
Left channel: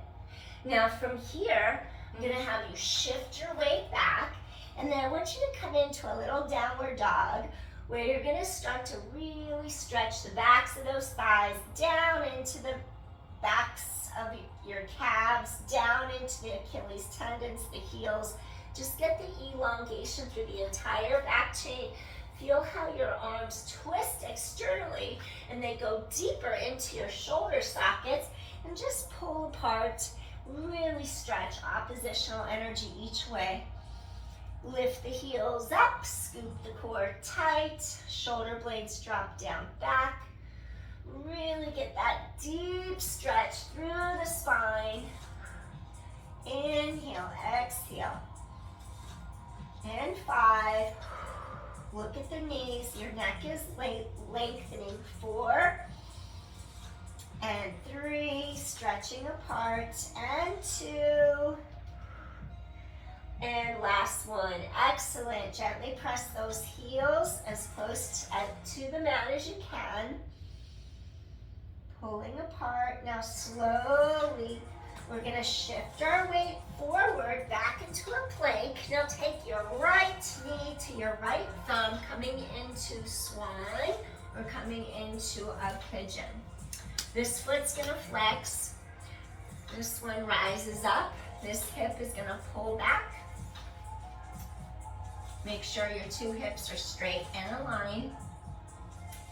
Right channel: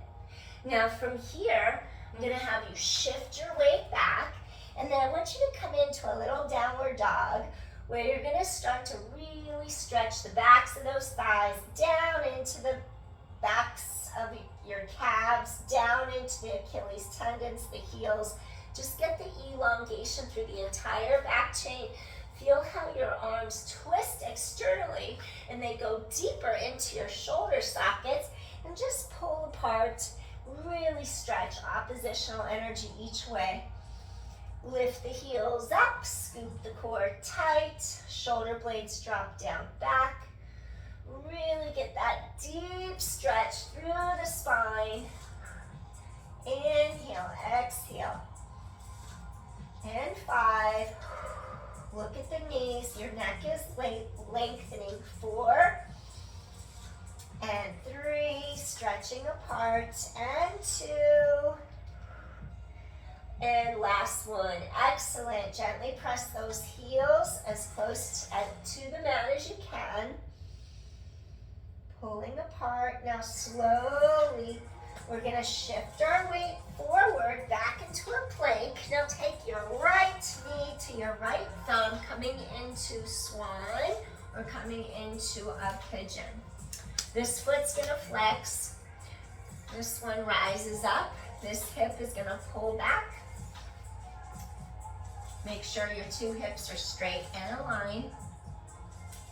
Now from here, I'm gonna have you shift your weight back, and then I want you to come into a little downward dog, where you're gonna start to really stretch the backs of those thighs down into the backs of your calves, down into the Achilles tendons, the heels. Just get the elongation through the entire back chain. Feel how your arms twist externally and they go deeper into your shoulder sockets, and just pull apart. Really stretch oppositional energy each way. Lift the heels up, scoop the core tight, shoulder blades drop down back. Really get that deep stretch through the spine. Inhale, exhale. And 5. Look at the knees, your neck is lengthening. 4. And 3, stretching apart. And 2. And last one, excellent. Gently press those heels as close to the mat as you can. Pulling apart. Now slowly, we're gonna shift our weight forward, back into a plank. Now take your right knee to your right thumb, coming into swan or coming into a pigeon. This foot's gonna flex. This one rises up. This hip is gonna pull back. Make sure your 2 hips are straight and aligned.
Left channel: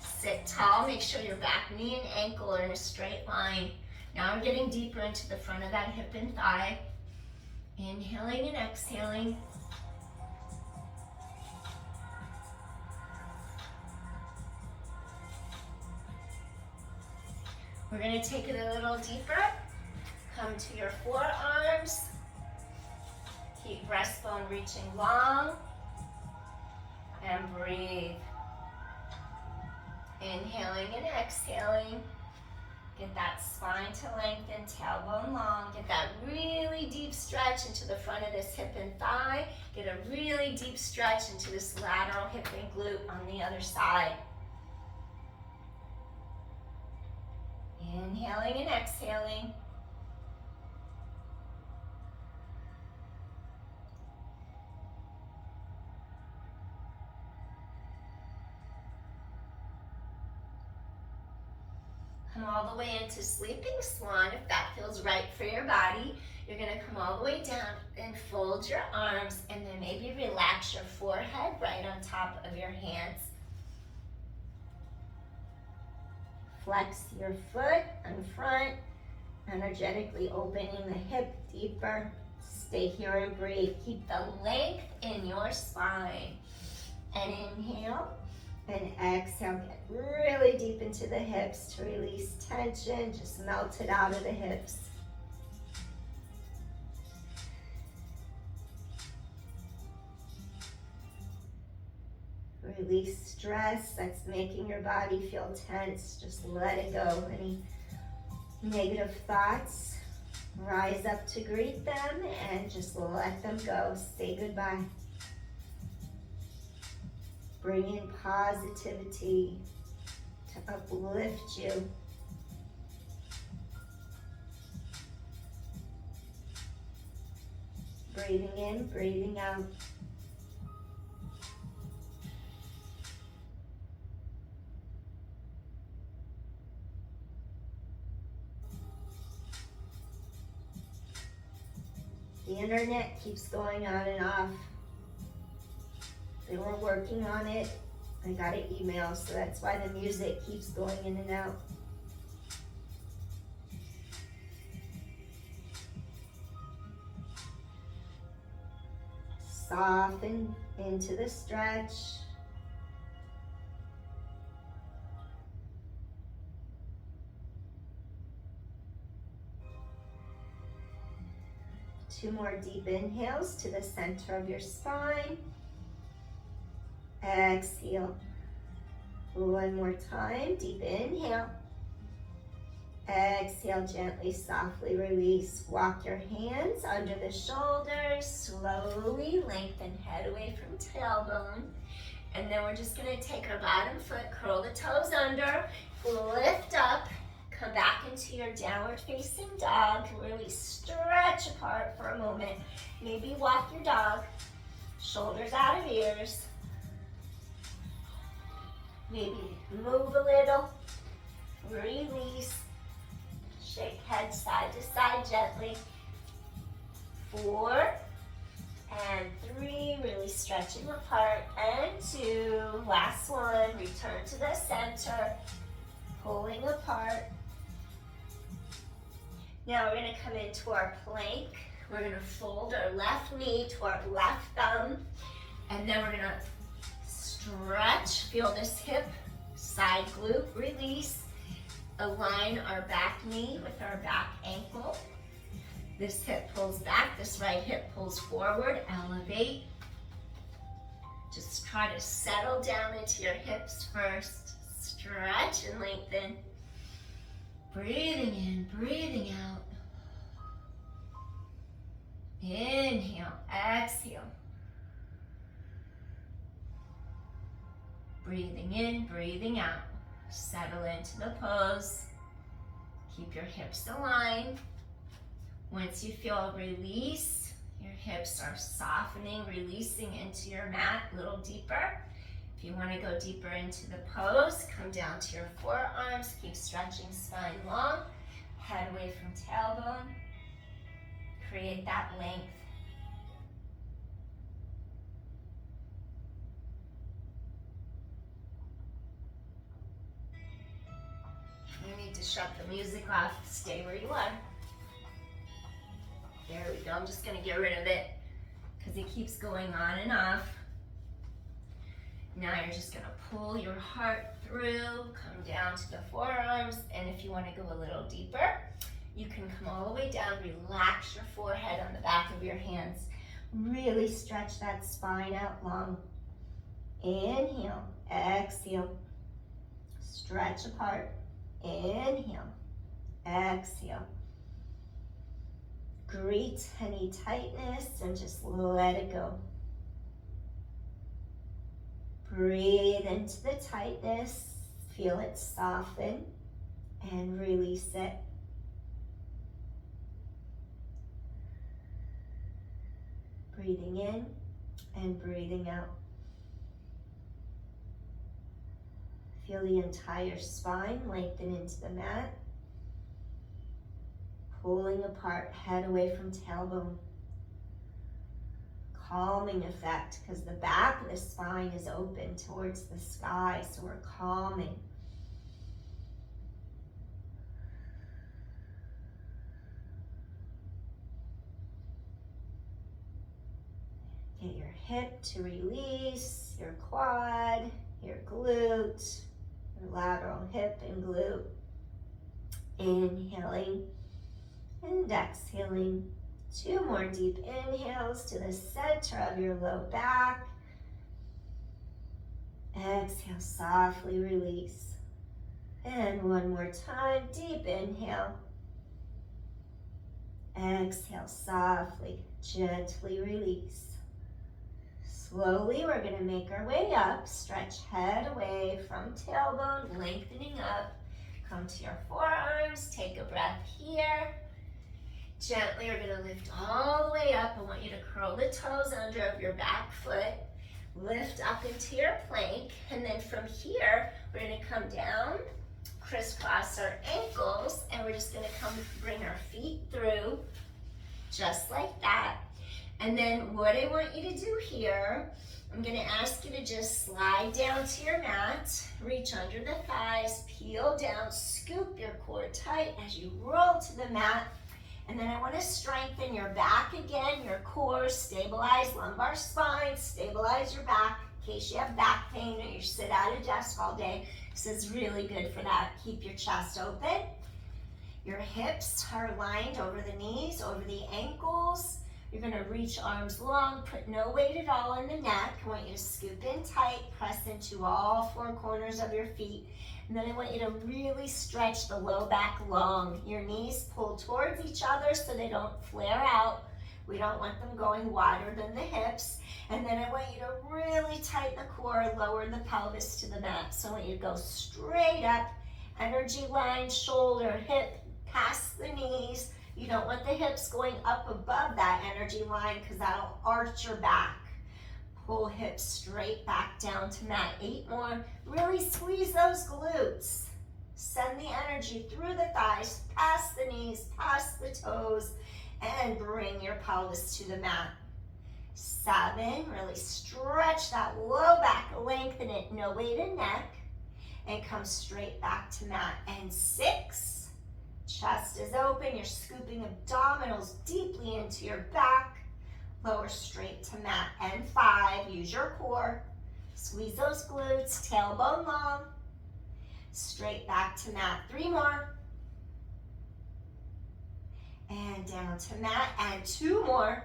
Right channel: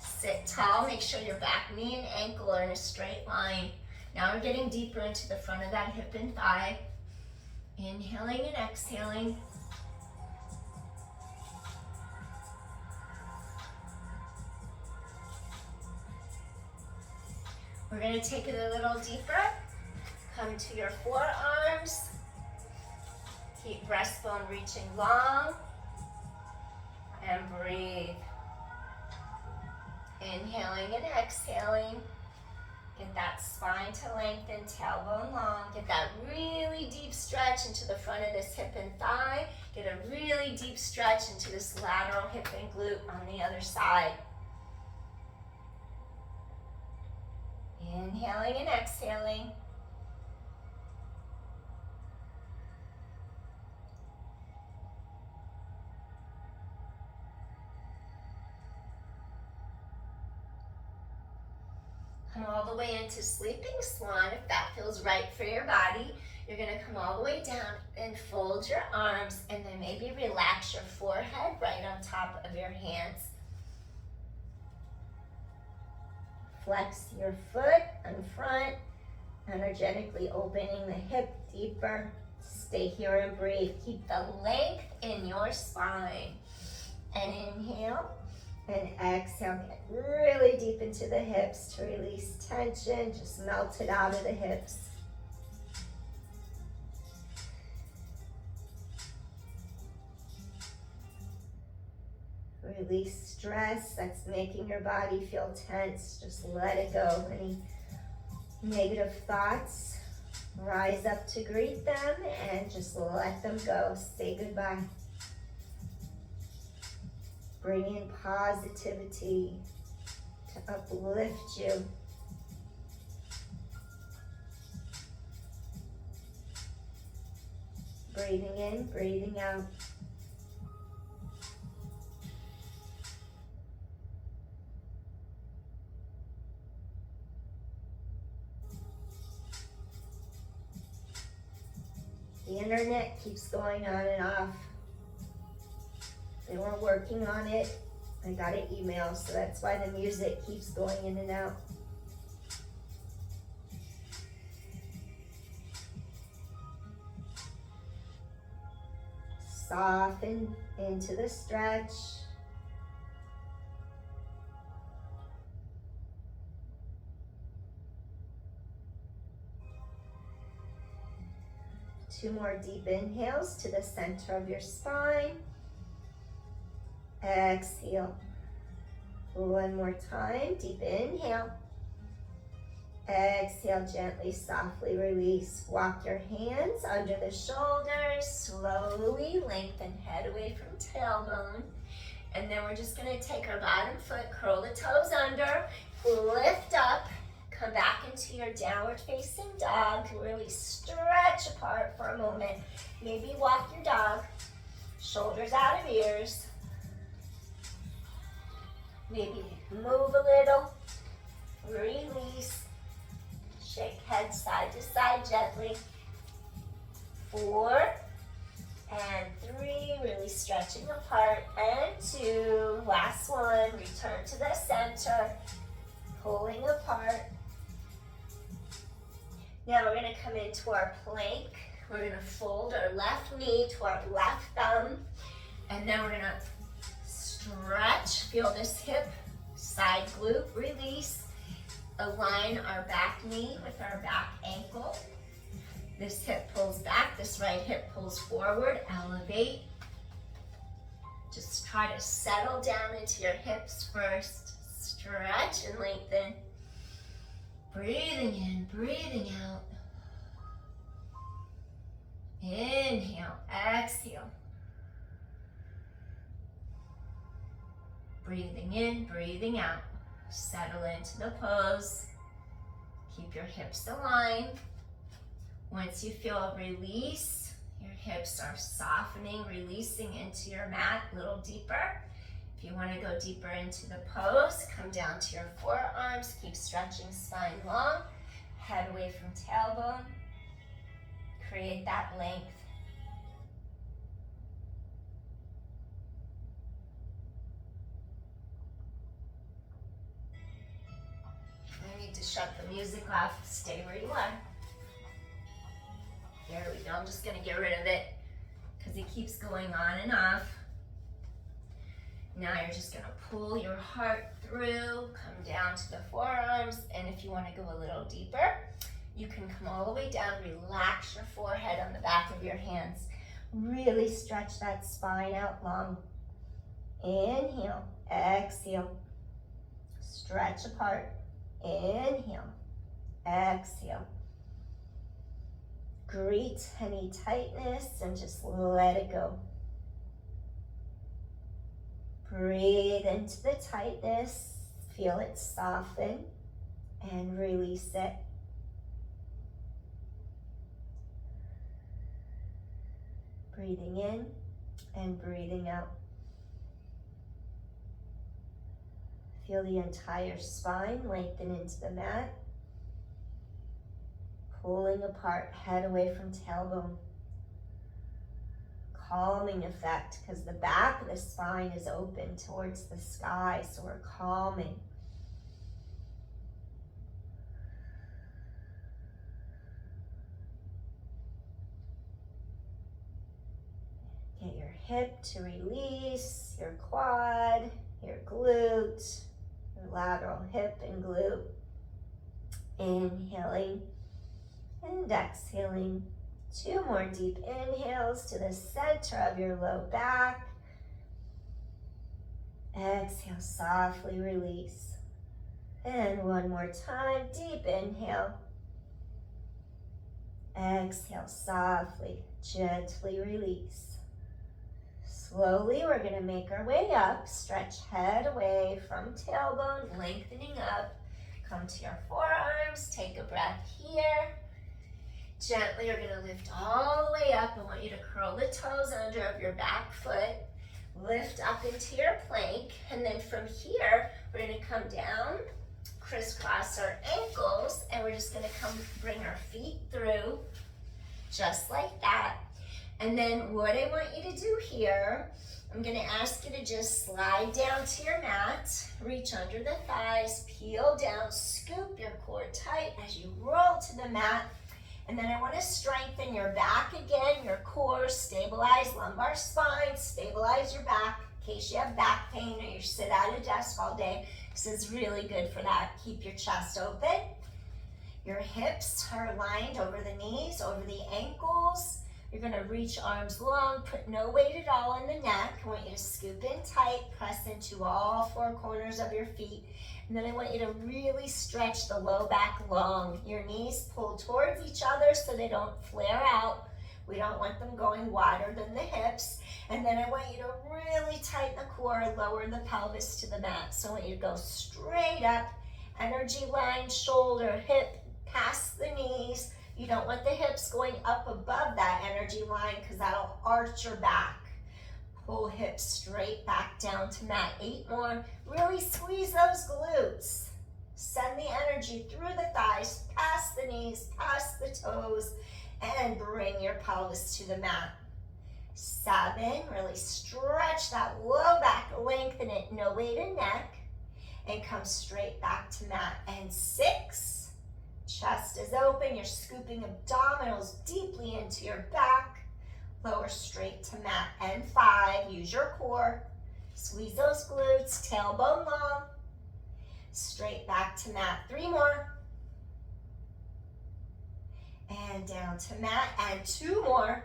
Sit tall, make sure your back knee and ankle are in a straight line. Now we're getting deeper into the front of that hip and thigh. Inhaling and exhaling. We're gonna take it a little deeper. Come to your forearms. Keep breastbone reaching long. And breathe. Inhaling and exhaling. Get that spine to lengthen, tailbone long. Get that really deep stretch into the front of this hip and thigh. Get a really deep stretch into this lateral hip and glute on the other side. Inhaling and exhaling. Come all the way into sleeping swan if that feels right for your body. You're gonna come all the way down and fold your arms, and then maybe relax your forehead right on top of your hands. Flex your foot in front Energetically opening the hip deeper. Stay here and breathe. Keep the length in your spine. And inhale and exhale. Get really deep into the hips to release tension. Just melt it out of the hips. Release stress that's making your body feel tense. Just let it go. Any negative thoughts, rise up to greet them and just let them go. Say goodbye. Bring in positivity to uplift you. Breathing in, breathing out. The internet keeps going on and off. They were working on it. I got an email, so that's why the music keeps going in and out. Soften into the stretch. Two more deep inhales to the center of your spine. Exhale. One more time. Deep inhale. Exhale, gently, softly release. Walk your hands under the shoulders. Slowly lengthen head away from tailbone. And then we're just going to take our bottom foot, curl the toes under, lift up. Come back into your downward facing dog. Really stretch apart for a moment. Maybe walk your dog. Shoulders out of ears. Maybe move a little. Release. Shake head side to side gently. 4 and 3. Really stretching apart. And 2. Last one. Return to the center. Pulling apart. Now we're going to come into our plank. We're going to fold our left knee to our left thumb. And then we're going to stretch. Feel this hip, side glute, release. Align our back knee with our back ankle. This hip pulls back, this right hip pulls forward. Elevate. Just try to settle down into your hips first. Stretch and lengthen. Breathing in, breathing out. Inhale, exhale. Breathing in, breathing out. Settle into the pose. Keep your hips aligned. Once you feel a release, your hips are softening, releasing into your mat a little deeper. If you want to go deeper into the pose, come down to your forearms. Keep stretching spine long. Head away from tailbone. Create that length. You need to shut the music off. Stay where you are. There we go. I'm just going to get rid of it because it keeps going on and off. Now you're just going to pull your heart through, come down to the forearms, and if you want to go a little deeper, you can come all the way down, relax your forehead on the back of your hands. Really stretch that spine out long. Inhale, exhale, stretch apart. Inhale, exhale. Greet any tightness and just let it go. Breathe into the tightness, feel it soften, and release it. Breathing in and breathing out. Feel the entire spine lengthen into the mat. Pulling apart, head away from tailbone. Calming effect because the back of the spine is open towards the sky, so we're calming. Get your hip to release, your quad, your glute, your lateral hip and glute. Inhaling and exhaling. 2 more deep inhales to the center of your low back. Exhale, softly release. And 1 more time, deep inhale. Exhale, softly, gently release. Slowly, we're gonna make our way up. Stretch head away from tailbone, lengthening up. Come to your forearms, take a breath here. Gently, you're gonna lift all the way up. I want you to curl the toes under of your back foot. Lift up into your plank, and then from here, we're gonna come down, crisscross our ankles, and we're just gonna come bring our feet through, just like that. And then what I want you to do here, I'm gonna ask you to just slide down to your mat, reach under the thighs, peel down, scoop your core tight as you roll to the mat. And then I want to strengthen your back again, your core, stabilize lumbar spine, stabilize your back in case you have back pain or you sit at a desk all day. This is really good for that. Keep your chest open. Your hips are aligned over the knees, over the ankles. You're going to reach arms long, put no weight at all in the neck. I want you to scoop in tight, press into all 4 corners of your feet. And then I want you to really stretch the low back long. Your knees pull towards each other so they don't flare out. We don't want them going wider than the hips. And then I want you to really tighten the core, lower the pelvis to the mat. So I want you to go straight up, energy line, shoulder, hip, past the knees. You don't want the hips going up above that energy line because that'll arch your back. Pull hips straight back down to mat. 8 more. Really squeeze those glutes. Send the energy through the thighs, past the knees, past the toes, and bring your pelvis to the mat. 7, really stretch that low back, lengthen it, no weight in neck, and come straight back to mat. And 6, chest is open, you're scooping abdominals deeply into your back. Lower straight to mat. And 5, use your core. Squeeze those glutes, tailbone long. Straight back to mat. 3 more. And down to mat. And 2 more.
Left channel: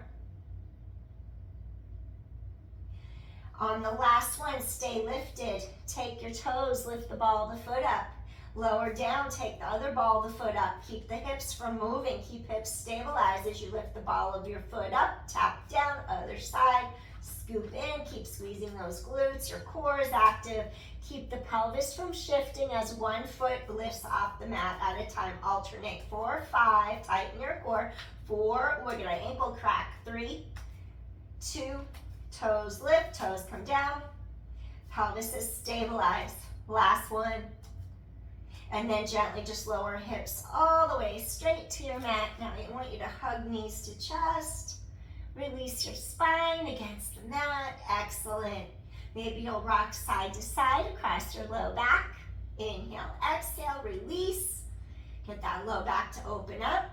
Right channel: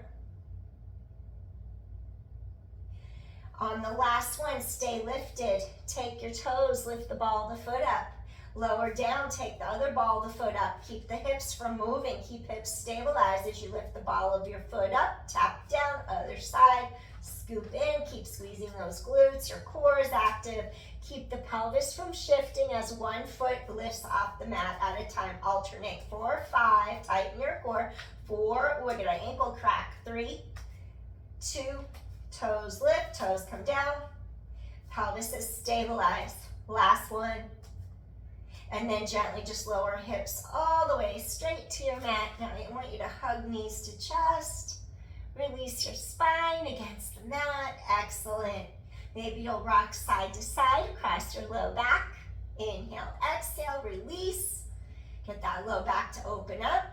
On the last one, stay lifted. Take your toes, lift the ball of the foot up. Lower down, take the other ball of the foot up. Keep the hips from moving. Keep hips stabilized as you lift the ball of your foot up. Tap down, other side. Scoop in, keep squeezing those glutes. Your core is active. Keep the pelvis from shifting as one foot lifts off the mat at a time. Alternate. 4, 5, tighten your core. 4, look at our ankle crack. 3, 2, toes lift, toes come down. Pelvis is stabilized. Last one. And then gently just lower hips all the way straight to your mat. Now I want you to hug knees to chest. Release your spine against the mat. Excellent. Maybe you'll rock side to side across your low back. Inhale, exhale, release. Get that low back to open up.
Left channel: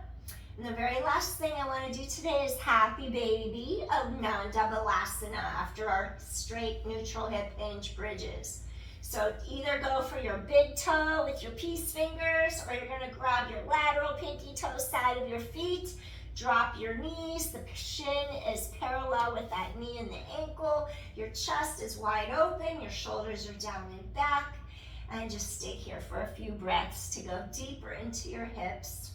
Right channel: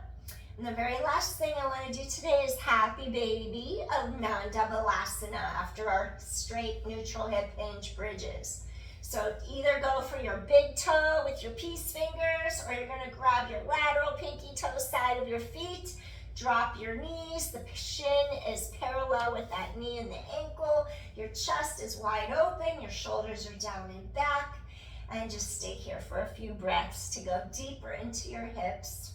And the very last thing I want to do today is happy baby of non-double-asana after our straight neutral hip hinge bridges. So either go for your big toe with your peace fingers, or you're going to grab your lateral pinky toe side of your feet, drop your knees, the shin is parallel with that knee and the ankle, your chest is wide open, your shoulders are down and back, and just stay here for a few breaths to go deeper into your hips.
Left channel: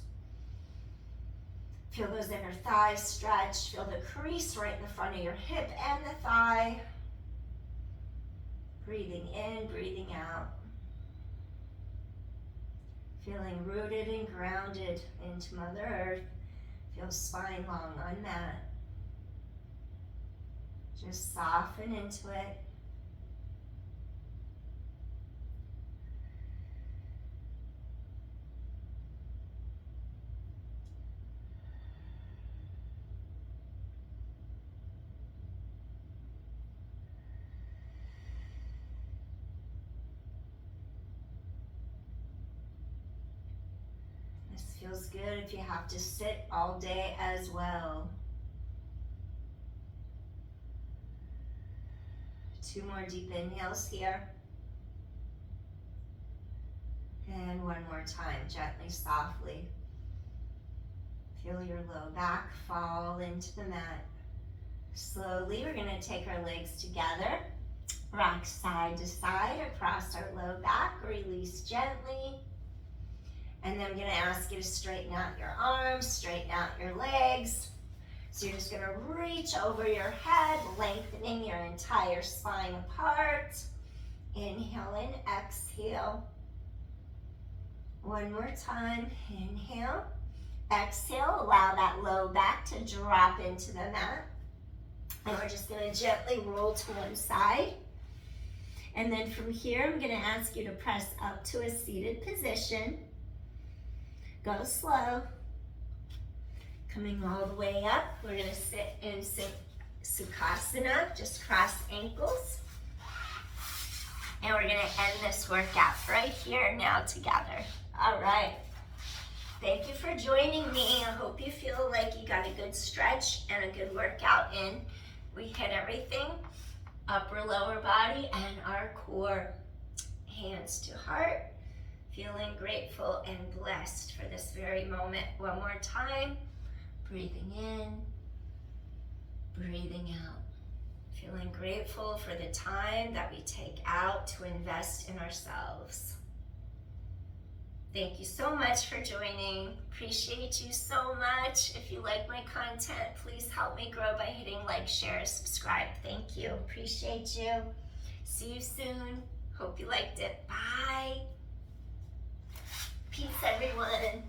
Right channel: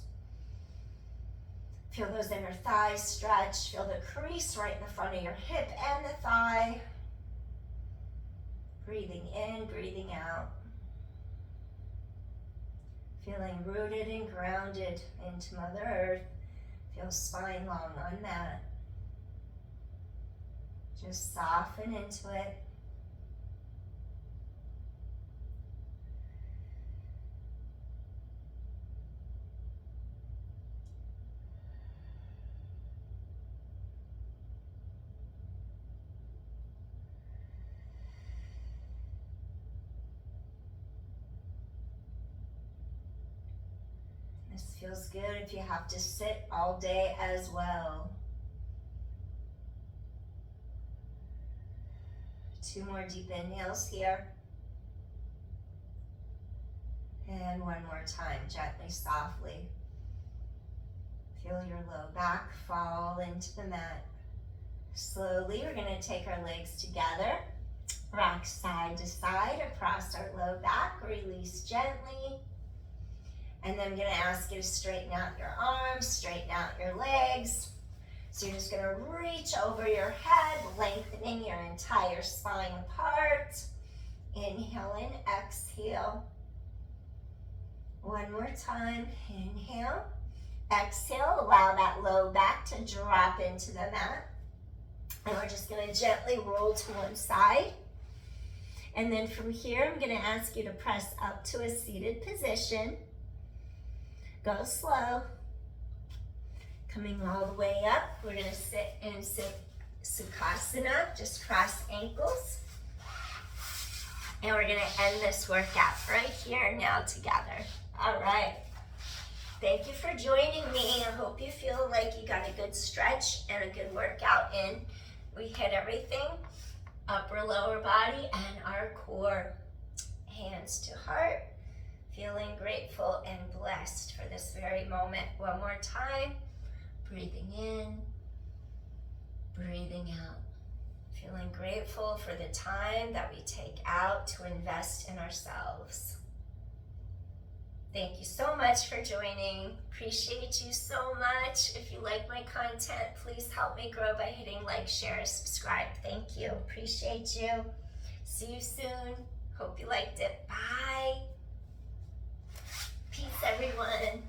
Feel those inner thighs stretch, feel the crease right in the front of your hip and the thigh. Breathing in, breathing out. Feeling rooted and grounded into Mother Earth. Feel spine long on that. Just soften into it. Feels good if you have to sit all day as well. 2 more deep inhales here. And one more time, gently, softly. Feel your low back fall into the mat. Slowly, we're going to take our legs together, rock side to side across our low back, release gently. And then I'm going to ask you to straighten out your arms, straighten out your legs. So you're just going to reach over your head, lengthening your entire spine apart. Inhale and exhale. One more time, inhale. Exhale, allow that low back to drop into the mat. And we're just going to gently roll to one side. And then from here, I'm going to ask you to press up to a seated position. Go slow. Coming all the way up, we're going to sit in Sukhasana, just cross ankles. And we're going to end this workout right here now together. All right. Thank you for joining me. I hope you feel like you got a good stretch and a good workout in. We hit everything, upper, lower body, and our core. Hands to heart, feeling grateful and blessed for this very moment. One more time, breathing in, breathing out. Feeling grateful for the time that we take out to invest in ourselves. Thank you so much for joining. Appreciate you so much. If you like my content, please help me grow by hitting like, share, subscribe. Thank you. Appreciate you. See you soon. Hope you liked it. Bye. Peace, everyone.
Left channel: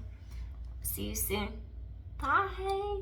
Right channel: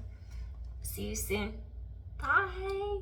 See you soon. Bye.